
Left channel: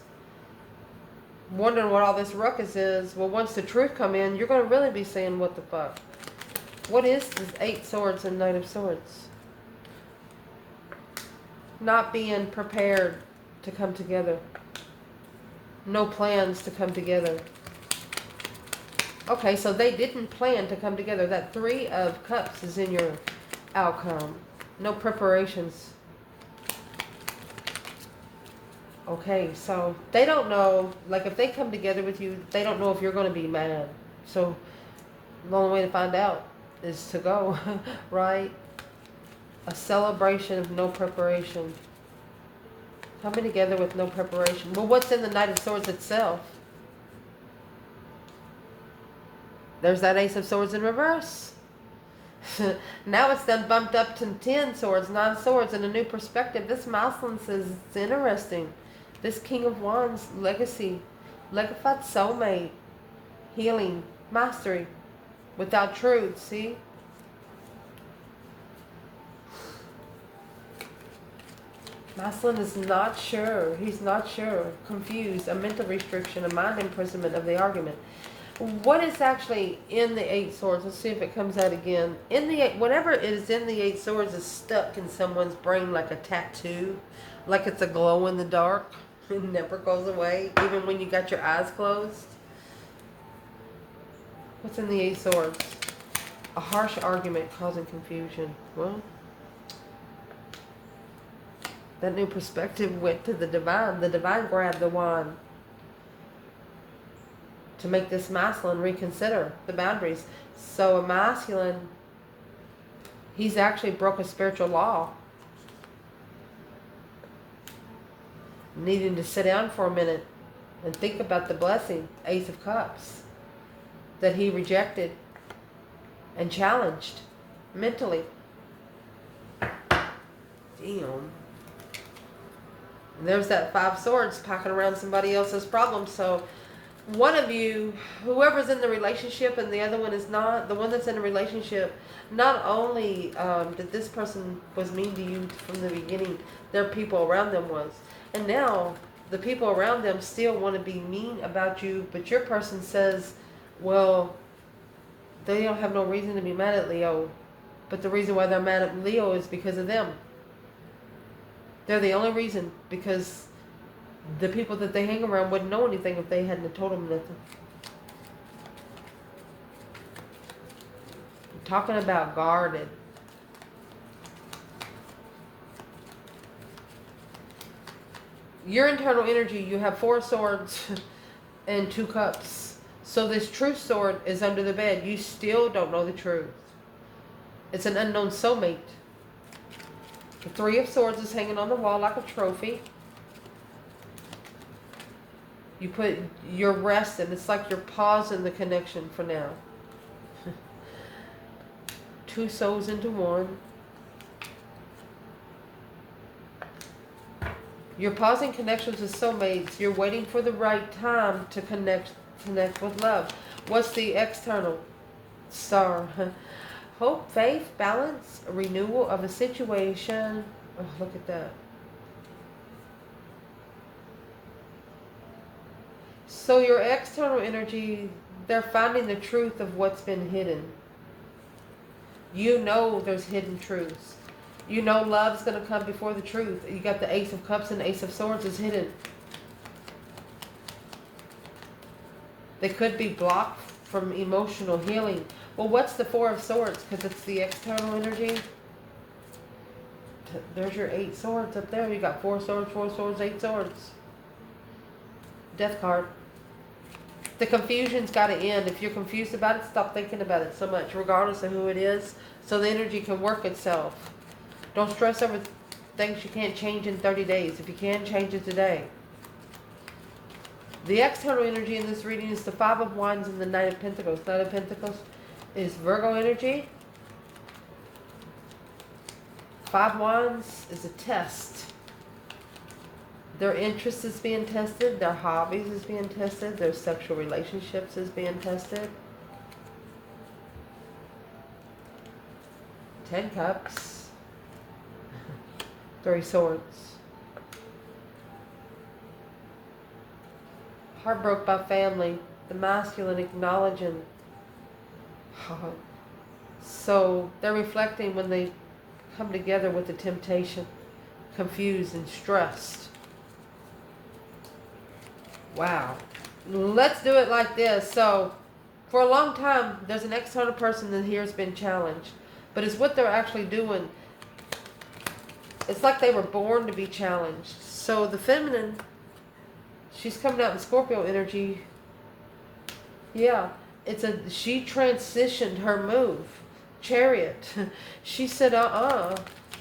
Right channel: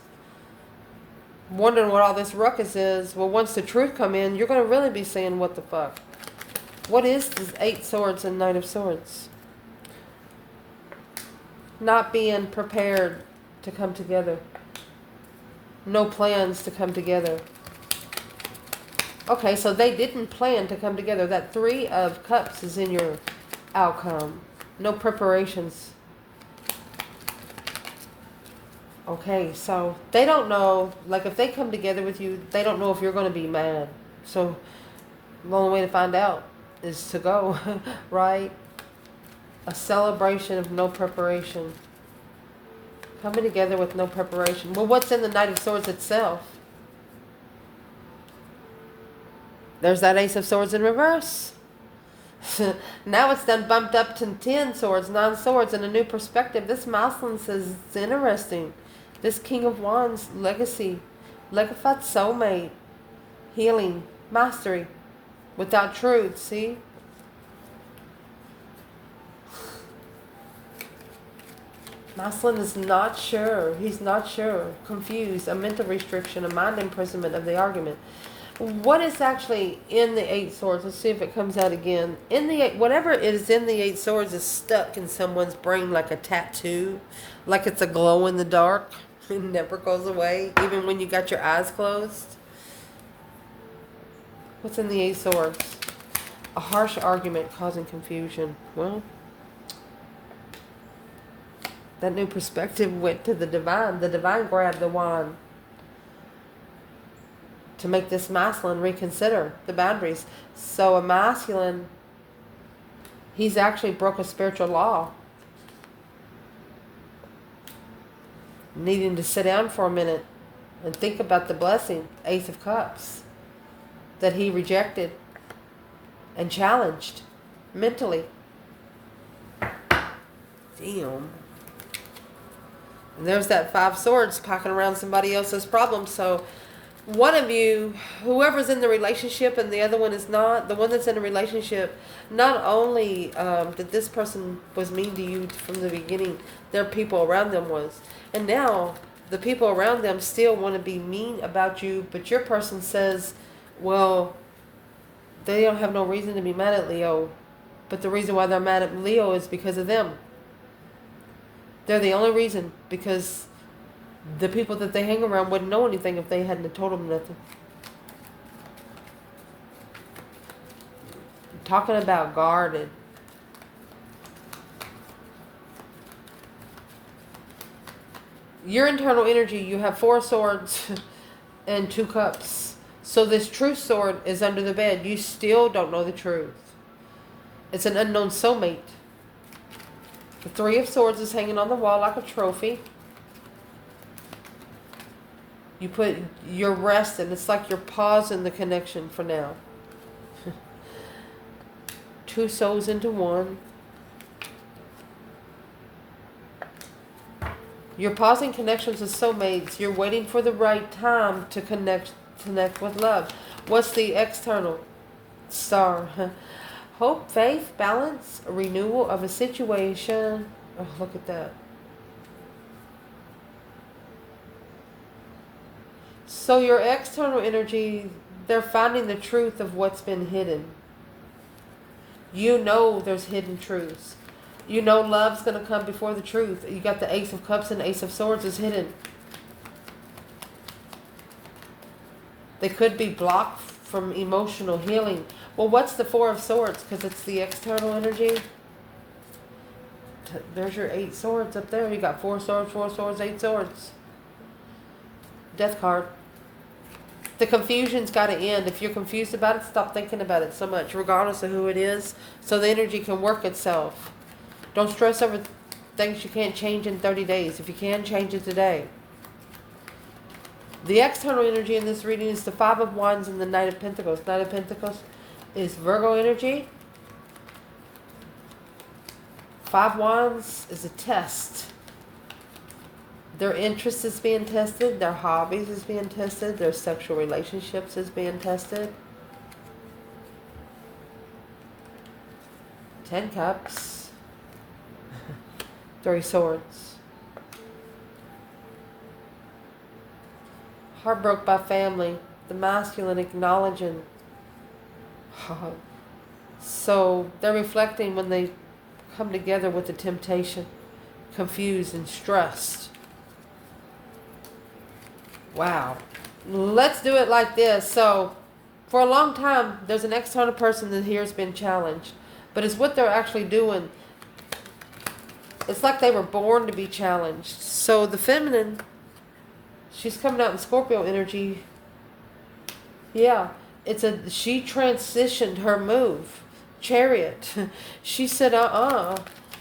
Wondering what all this ruckus is. Well, once the truth come in, you're going to really be saying, what the fuck? What is this Eight Swords and Knight of Swords? Not being prepared to come together. No plans to come together. Okay, so they didn't plan to come together. That Three of Cups is in your outcome. No preparations. Okay, so they don't know, like if they come together with you, they don't know if you're going to be mad. So the only way to find out is to go, right? A celebration of no preparation. Coming together with no preparation. Well, what's in the Knight of Swords itself? There's that Ace of Swords in reverse. Now it's done bumped up to 10 swords, 9 swords, and a new perspective. This Moslem says it's interesting. This King of Wands, legacy, legified soulmate, healing, mastery, without truth, see? Moslem is not sure. He's not sure. Confused. A mental restriction, a mind imprisonment of the argument. What is actually in the Eight Swords? Let's see if it comes out again. In the whatever is in the Eight Swords is stuck in someone's brain like a tattoo, like it's a glow in the dark. It never goes away, even when you got your eyes closed. What's in the Eight Swords? A harsh argument causing confusion. Well, that new perspective went to the divine. The divine grabbed the wand to make this masculine reconsider the boundaries. So a masculine, he's actually broke a spiritual law. Needing to sit down for a minute and think about the blessing, Ace of Cups, that he rejected and challenged mentally. Damn. And there's that Five Swords packing around somebody else's problem. So one of you, whoever's in the relationship and the other one is not, the one that's in a relationship, not only that this person was mean to you from the beginning, their people around them was. And now the people around them still want to be mean about you, but your person says, well, they don't have no reason to be mad at Leo. But the reason why they're mad at Leo is because of them. They're the only reason, because the people that they hang around wouldn't know anything if they hadn't told them nothing. I'm talking about guarded. Your internal energy, you have 4 swords and 2 cups. So this true sword is under the bed. You still don't know the truth. It's an unknown soulmate. The 3 of Swords is hanging on the wall like a trophy. You put your rest in. It's like you're pausing the connection for now. 2 souls into one. You're pausing connections with soulmates. You're waiting for the right time to connect with love. What's the external? Star. Hope, faith, balance, a renewal of a situation. Oh, look at that. So your external energy, they're finding the truth of what's been hidden. You know there's hidden truths. You know love's going to come before the truth. You got the Ace of Cups and Ace of Swords is hidden. They could be blocked from emotional healing. Well, what's the 4 of Swords? Because it's the external energy. There's your 8 swords up there. You got 4 swords, 4 swords, 8 swords. Death card. The confusion's got to end. If you're confused about it, stop thinking about it so much, regardless of who it is, so the energy can work itself. Don't stress over things you can't change in 30 days. If you can, change it today. The external energy in this reading is the 5 of Wands and the Knight of Pentacles. Knight of Pentacles is Virgo energy. Five Wands is a test. Their interest is being tested. Their hobbies is being tested. Their sexual relationships is being tested. 10 Cups. 3 Swords. Heartbroken by family. The masculine acknowledging. So they're reflecting when they come together with the temptation. Confused and stressed. Wow. Let's do it like this. So, for a long time, there's an external person that here has been challenged. But it's what they're actually doing. It's like they were born to be challenged. So, the feminine, she's coming out in Scorpio energy. Yeah. She transitioned her move. Chariot. She said,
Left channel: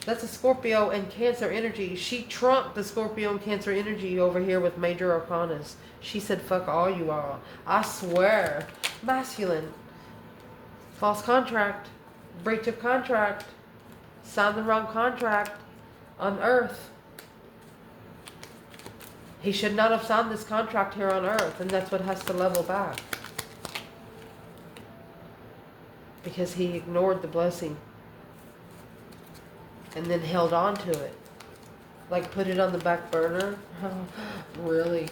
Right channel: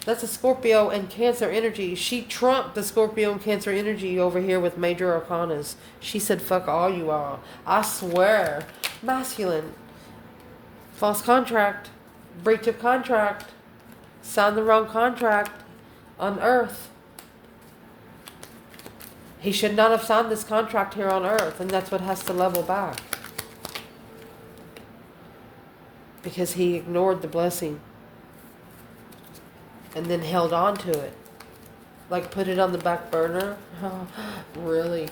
that's a Scorpio and Cancer energy. She trumped the Scorpio and Cancer energy over here with major arcanas. She said, fuck all you all. I swear. Masculine. False contract. Breach of contract. Signed the wrong contract on Earth. He should not have signed this contract here on Earth, and that's what has to level back. Because he ignored the blessing. And then held on to it. Like put it on the back burner. Oh, really?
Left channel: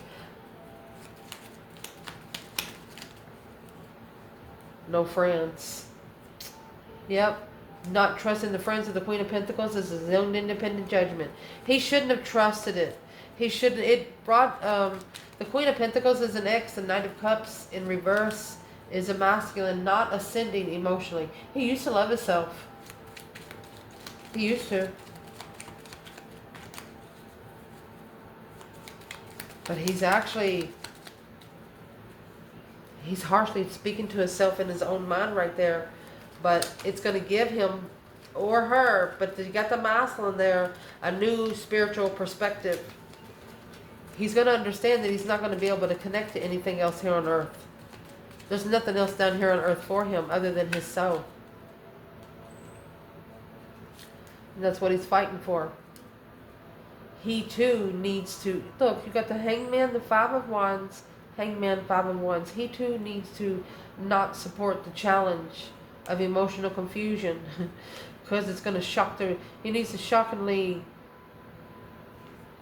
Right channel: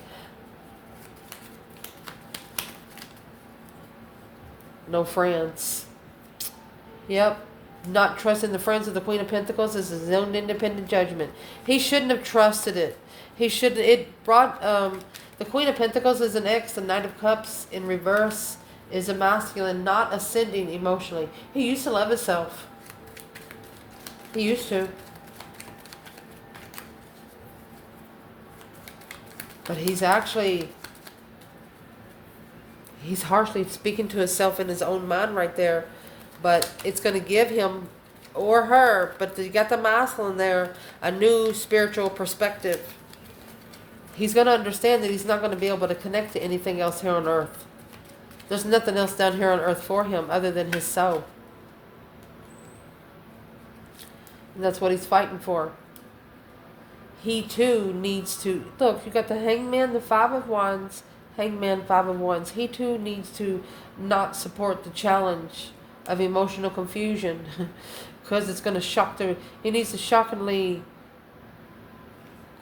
No friends. Yep. Not trusting the friends of the Queen of Pentacles is his own independent judgment. He shouldn't have trusted it. He should. It brought the Queen of Pentacles is an X. The Knight of Cups in reverse is a masculine, not ascending emotionally. He used to love himself. He used to. But he's harshly speaking to himself in his own mind right there. But it's going to give him, or her, but you got the masculine there, a new spiritual perspective. He's going to understand that he's not going to be able to connect to anything else here on Earth. There's nothing else down here on Earth for him other than his soul. And that's what he's fighting for. He too needs to... Look, you got the Hangman, the Five of Wands. Hangman, Five of Wands. He too needs to not support the challenge of emotional confusion. Because it's going to shock the... He needs to shockingly,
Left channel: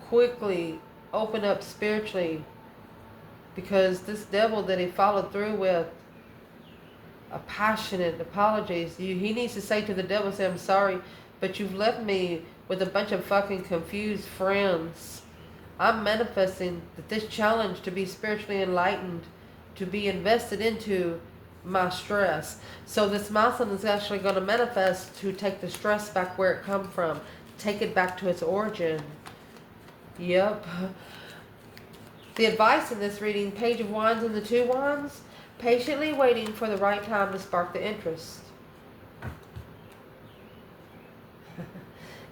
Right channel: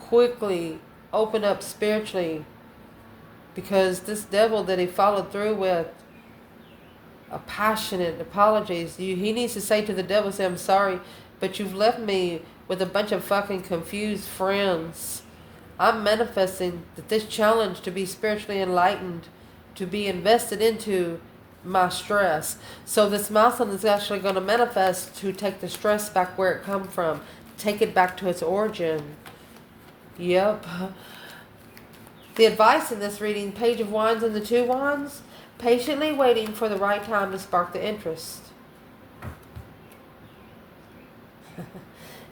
quickly open up spiritually. Because this devil that he followed through with a passionate apologies. He needs to say to the devil, say, I'm sorry, but you've left me with a bunch of fucking confused friends. I'm manifesting that this challenge to be spiritually enlightened, to be invested into my stress. So this masculine is actually going to manifest to take the stress back where it come from. Take it back to its origin. Yep. The advice in this reading, Page of Wands and the Two Wands, patiently waiting for the right time to spark the interest.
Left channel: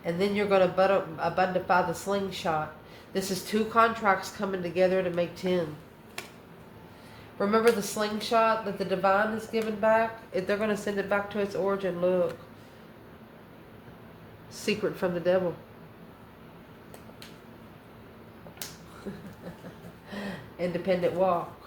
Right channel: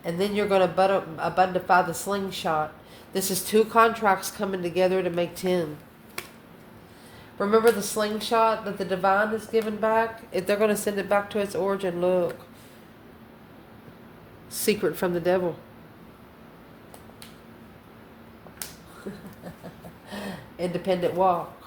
And then you're going to abundify the slingshot. This is 2 contracts coming together to make 10. Remember the slingshot that the divine is giving back? If they're going to send it back to its origin, look. Secret from the devil. Independent walk.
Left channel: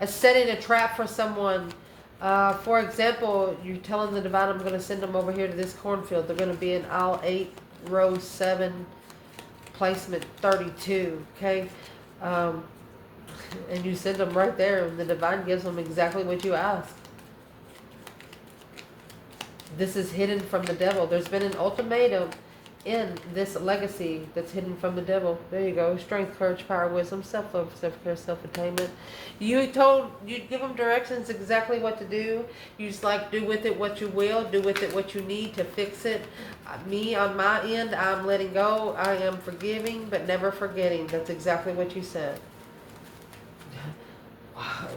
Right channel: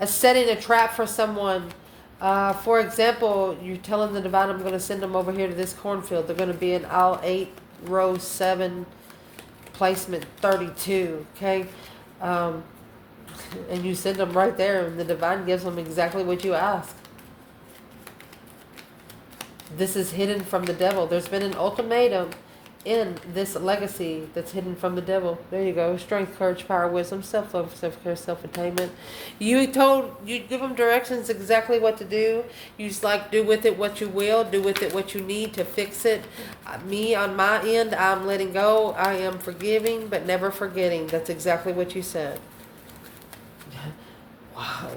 As setting a trap for someone. For example, you're telling the divine, I'm going to send them over here to this cornfield. They're going to be in aisle 8, row 7, placement 32. Okay? And you send them right there, and the divine gives them exactly what you ask. This is hidden from the devil. There's been an ultimatum in this legacy that's hidden from the devil. There you go. Strength, courage, power, wisdom, self-love, self-care, self-attainment. You give them directions exactly what to do. You just like, do with it what you will. Do with it what you need to fix it. Me, on my end, I'm letting go. I am forgiving, but never forgetting. That's exactly what you said. Wow.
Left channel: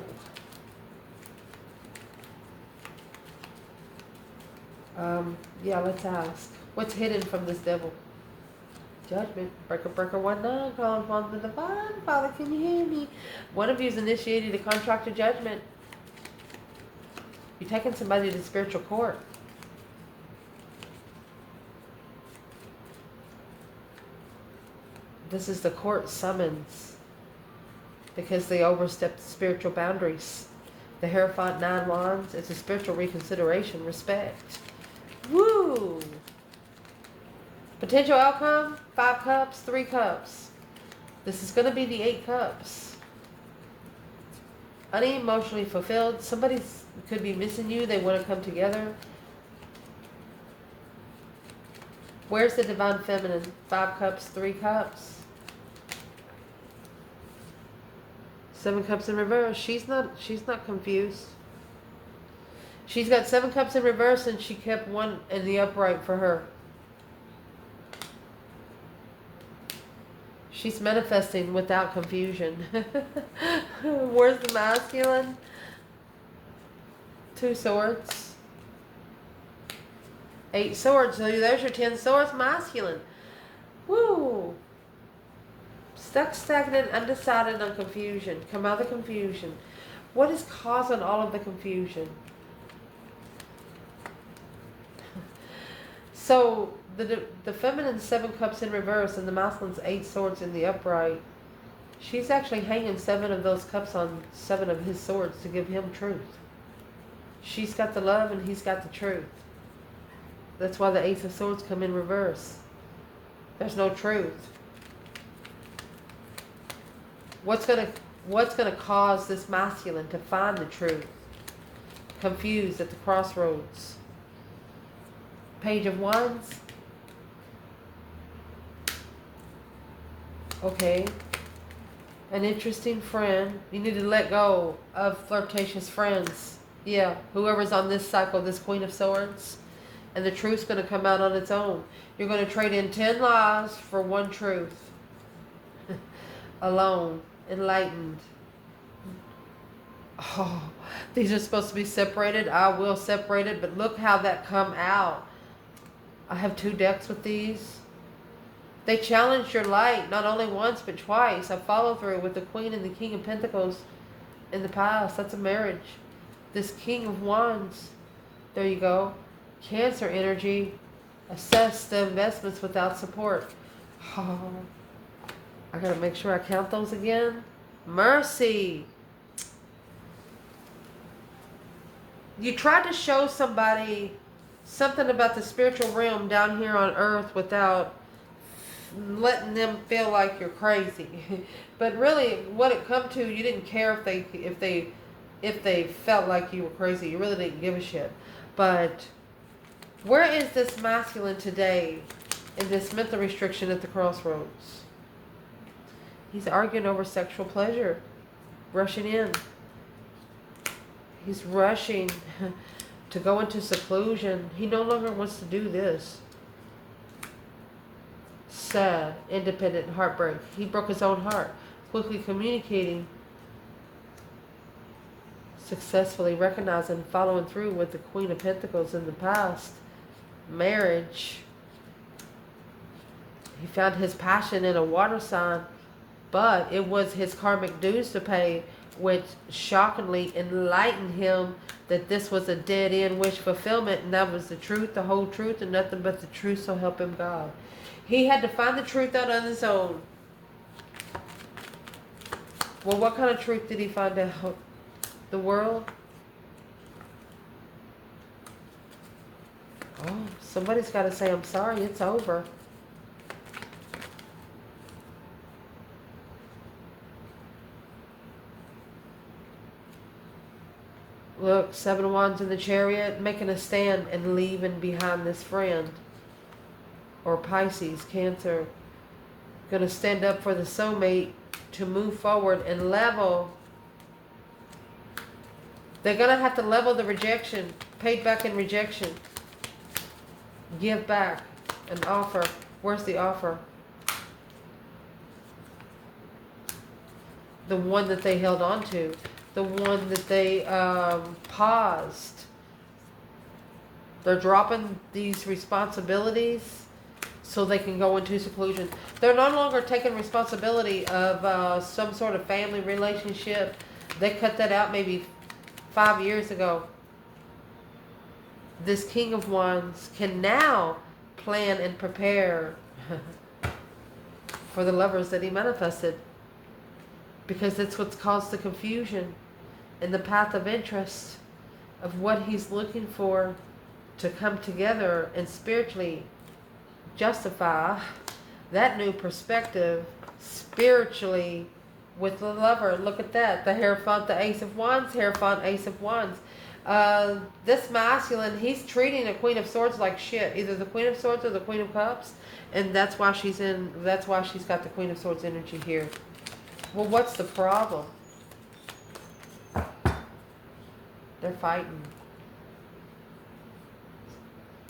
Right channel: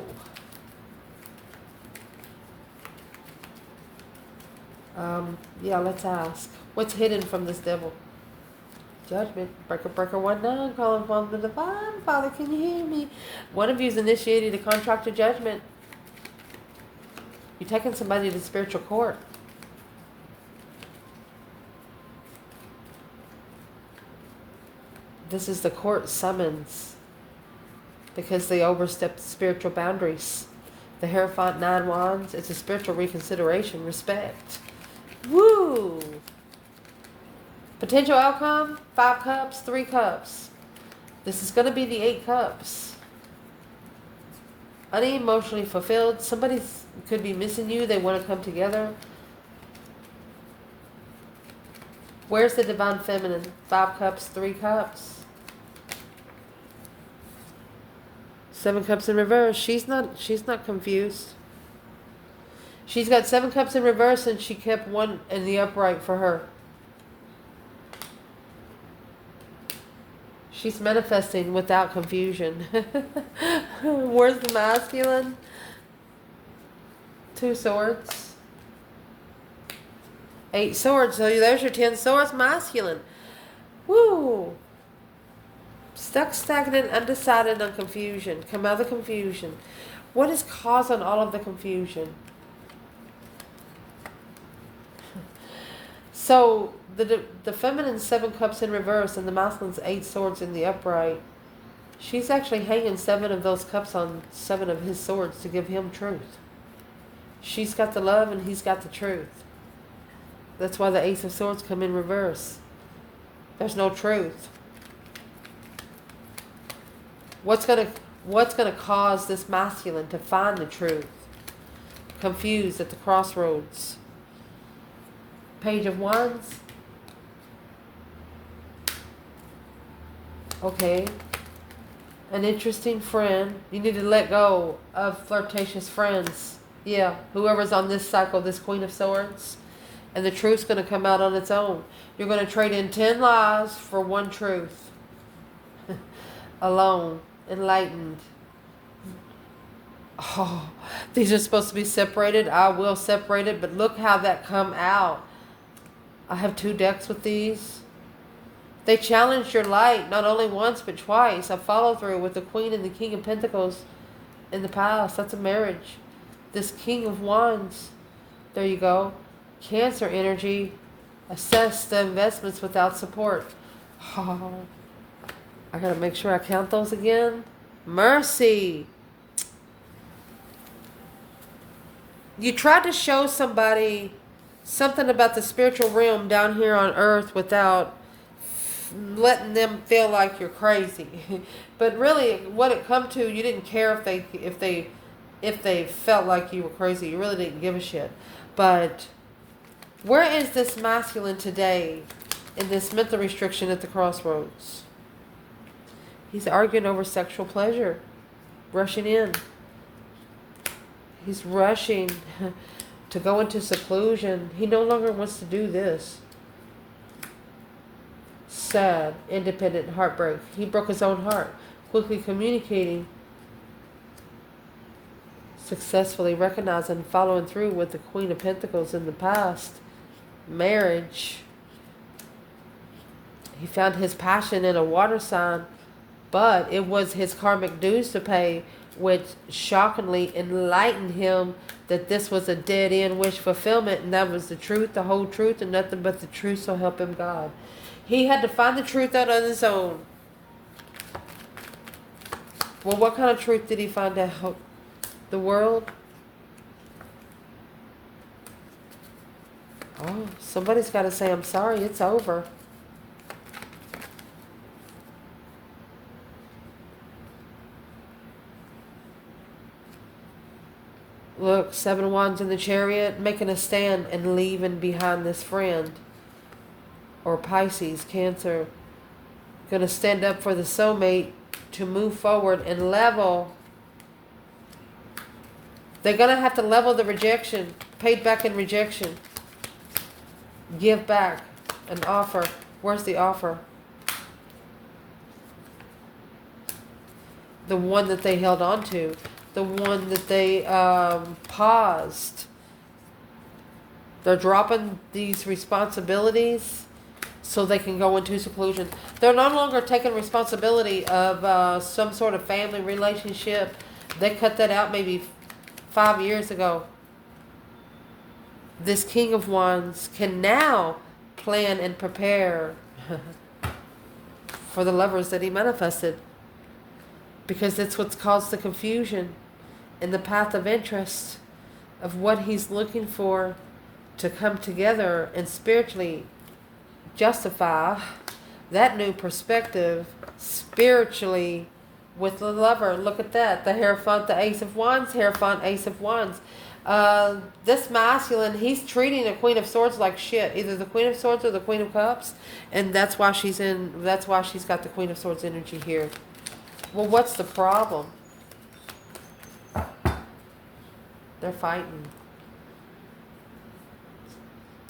Yeah, let's ask. What's hidden from this devil? Judgment. Breaker, breaker, 1-9. Calling from the divine. Father, can you hear me? One of you has initiated a contract of judgment. You're taking somebody to spiritual court. This is the court summons because they overstepped spiritual boundaries. The Hierophant, 9 Wands, it's a spiritual reconsideration, respect. Woo! Potential outcome, 5 Cups, 3 Cups. This is going to be the 8 Cups. Unemotionally fulfilled. Somebody could be missing you. They want to come together. Where's the Divine Feminine? 5 Cups, 3 Cups. 7 Cups in reverse. She's not confused. She's got 7 Cups in reverse and she kept 1 in the upright for her. She's manifesting without confusion. Where's the masculine? 2 Swords. 8 Swords. So there's your 10 Swords masculine. Woo! Stuck, stagnant, undecided, and confusion. Come out of the confusion. What is causing all of the confusion? So the feminine 7 Cups in reverse and the masculine's 8 Swords in the upright. She's actually hanging 7 of those cups on 7 of his swords to give him truth. She's got the love and he's got the truth. That's why the Ace of Swords come in reverse. There's no truth. What's gonna cause this masculine to find the truth? Confused at the crossroads. Page of Wands. Okay. An interesting friend. You need to let go of flirtatious friends. Yeah, whoever's on this cycle, this Queen of Swords. And the truth's going to come out on its own. You're going to trade in 10 lies for 1 truth. Alone. Enlightened. Oh, these are supposed to be separated. I will separate it, but look how that come out. I have 2 decks with these. They challenged your light not only once but twice. I followed through with the Queen and the King of Pentacles in the past. That's a marriage. This King of Wands. There you go. Cancer energy. Assess the investments without support. Oh, I gotta make sure I count those again. Mercy. You tried to show somebody something about the spiritual realm down here on earth without letting them feel like you're crazy. But really, what it come to, you didn't care if they felt like you were crazy. You really didn't give a shit. But where is this masculine today in this mental restriction at the crossroads? He's arguing over sexual pleasure, rushing in. He's rushing to go into seclusion. He no longer wants to do this. Sad, independent heartbreak. He broke his own heart. Quickly communicating. Successfully recognizing, following through with the Queen of Pentacles in the past. Marriage. He found his passion in a water sign, but it was his karmic dues to pay, which shockingly enlightened him that this was a dead-end wish fulfillment, and that was the truth, the whole truth, and nothing but the truth, so help him God. He had to find the truth out on his own. Well, what kind of truth did he find out? The world? Oh, somebody's got to say, I'm sorry, it's over. Look, 7 Wands in the Chariot, making a stand and leaving behind this friend. Or Pisces, Cancer. Going to stand up for the soulmate to move forward and level. They're going to have to level the rejection. Paid back in rejection. Give back an offer. Where's the offer? The one that they held on to. The one that they paused. They're dropping these responsibilities so they can go into seclusion. They're no longer taking responsibility of some sort of family relationship. They cut that out maybe 5 years ago. This King of Wands can now plan and prepare for the lovers that he manifested. Because it's what's caused the confusion in the path of interest of what he's looking for to come together and spiritually justify that new perspective spiritually with the lover. Look at that. The Hierophant, the Ace of Wands, Hierophant, Ace of Wands. This masculine, he's treating a Queen of Swords like shit. Either the Queen of Swords or the Queen of Cups. And that's why she's got the Queen of Swords energy here. Well, what's the problem? They're fighting.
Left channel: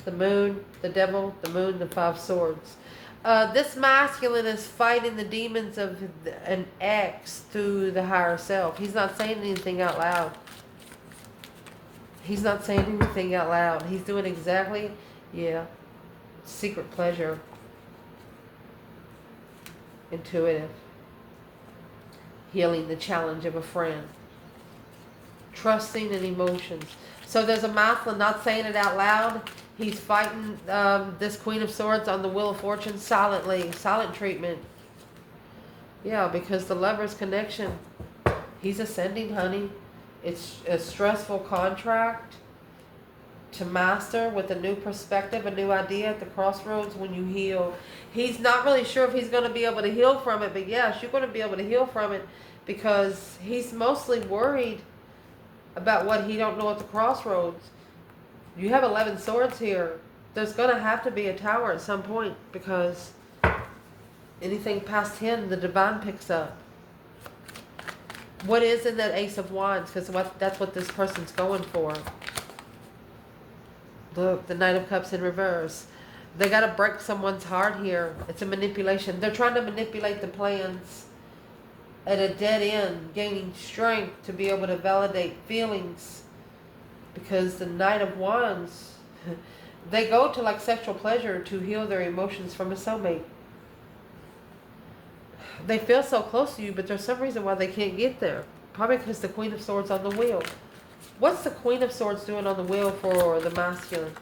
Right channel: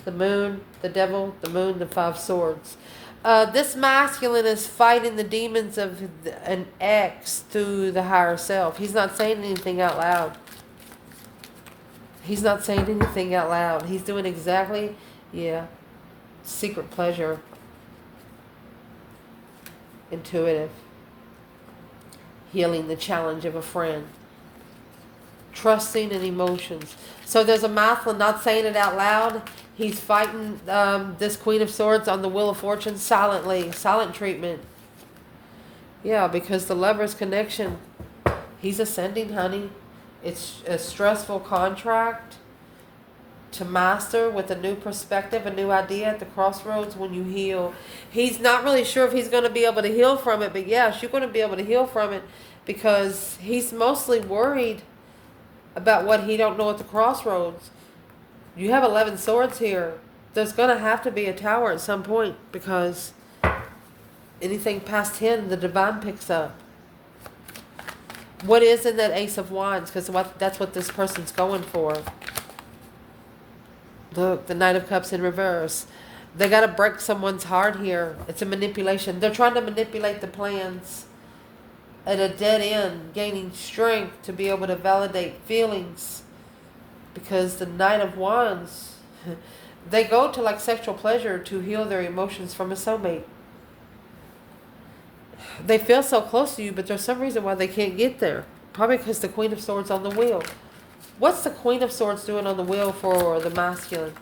The moon, the devil, the moon, the 5 swords. This masculine is fighting the demons of an ex through the higher self. He's not saying anything out loud. He's not saying anything out loud. He's doing exactly, secret pleasure. Intuitive. Healing the challenge of a friend. Trusting and emotions. So there's a masculine not saying it out loud. He's fighting this Queen of Swords on the Wheel of Fortune silently. Silent treatment. Yeah, because the lover's connection. He's ascending, honey. It's a stressful contract to master with a new perspective, a new idea at the crossroads when you heal. He's not really sure if he's going to be able to heal from it, but yes, you're going to be able to heal from it because he's mostly worried about what he don't know at the crossroads. You have 11 swords here. There's going to have to be a tower at some point because anything past 10, the divine picks up. What is in that Ace of Wands? Because that's what this person's going for. The Knight of Cups in reverse. They got to break someone's heart here. It's a manipulation. They're trying to manipulate the plans at a dead end, gaining strength to be able to validate feelings. Because the Knight of Wands, they go to like sexual pleasure to heal their emotions from a soulmate. They feel so close to you, but there's some reason why they can't get there. Probably because the Queen of Swords on the wheel. What's the Queen of Swords doing on the wheel for the masculine?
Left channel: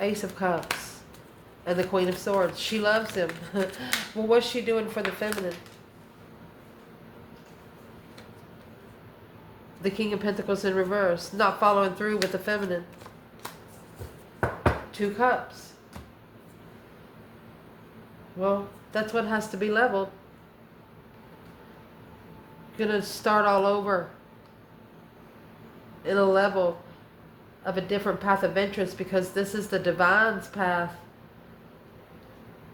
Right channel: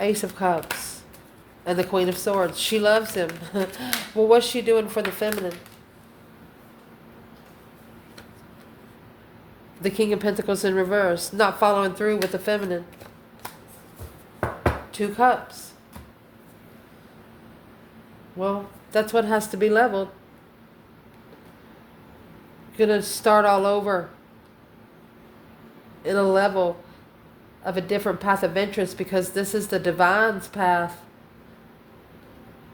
Ace of Cups. And the Queen of Swords. She loves him. Well, what's she doing for the feminine? The King of Pentacles in reverse. Not following through with the feminine. 2 cups. Well, that's what has to be leveled. Gonna start all over in a level of a different path of interest because this is the divine's path.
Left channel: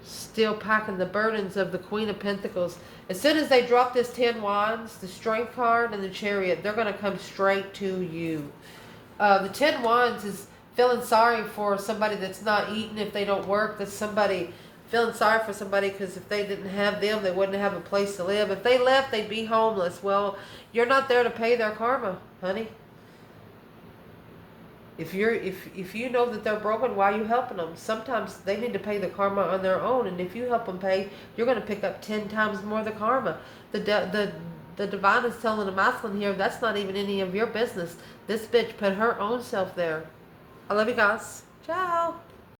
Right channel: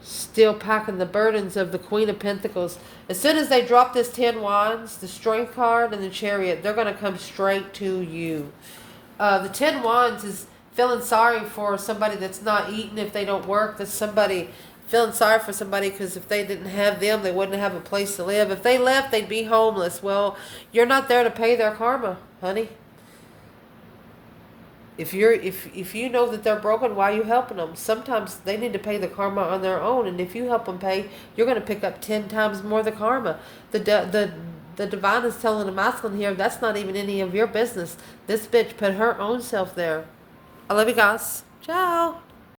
Still packing the burdens of the Queen of Pentacles. As soon as they drop this 10 Wands, the Strength card and the Chariot, they're going to come straight to you. The 10 Wands is feeling sorry for somebody that's not eating if they don't work. That's somebody feeling sorry for somebody because if they didn't have them, they wouldn't have a place to live. If they left, they'd be homeless. Well, you're not there to pay their karma, honey. If you know that they're broken, why are you helping them? Sometimes they need to pay the karma on their own, and if you help them pay, you're going to pick up 10 times more the karma. The divine is telling the masculine here, that's not even any of your business. This bitch put her own self there. I love you guys. Ciao.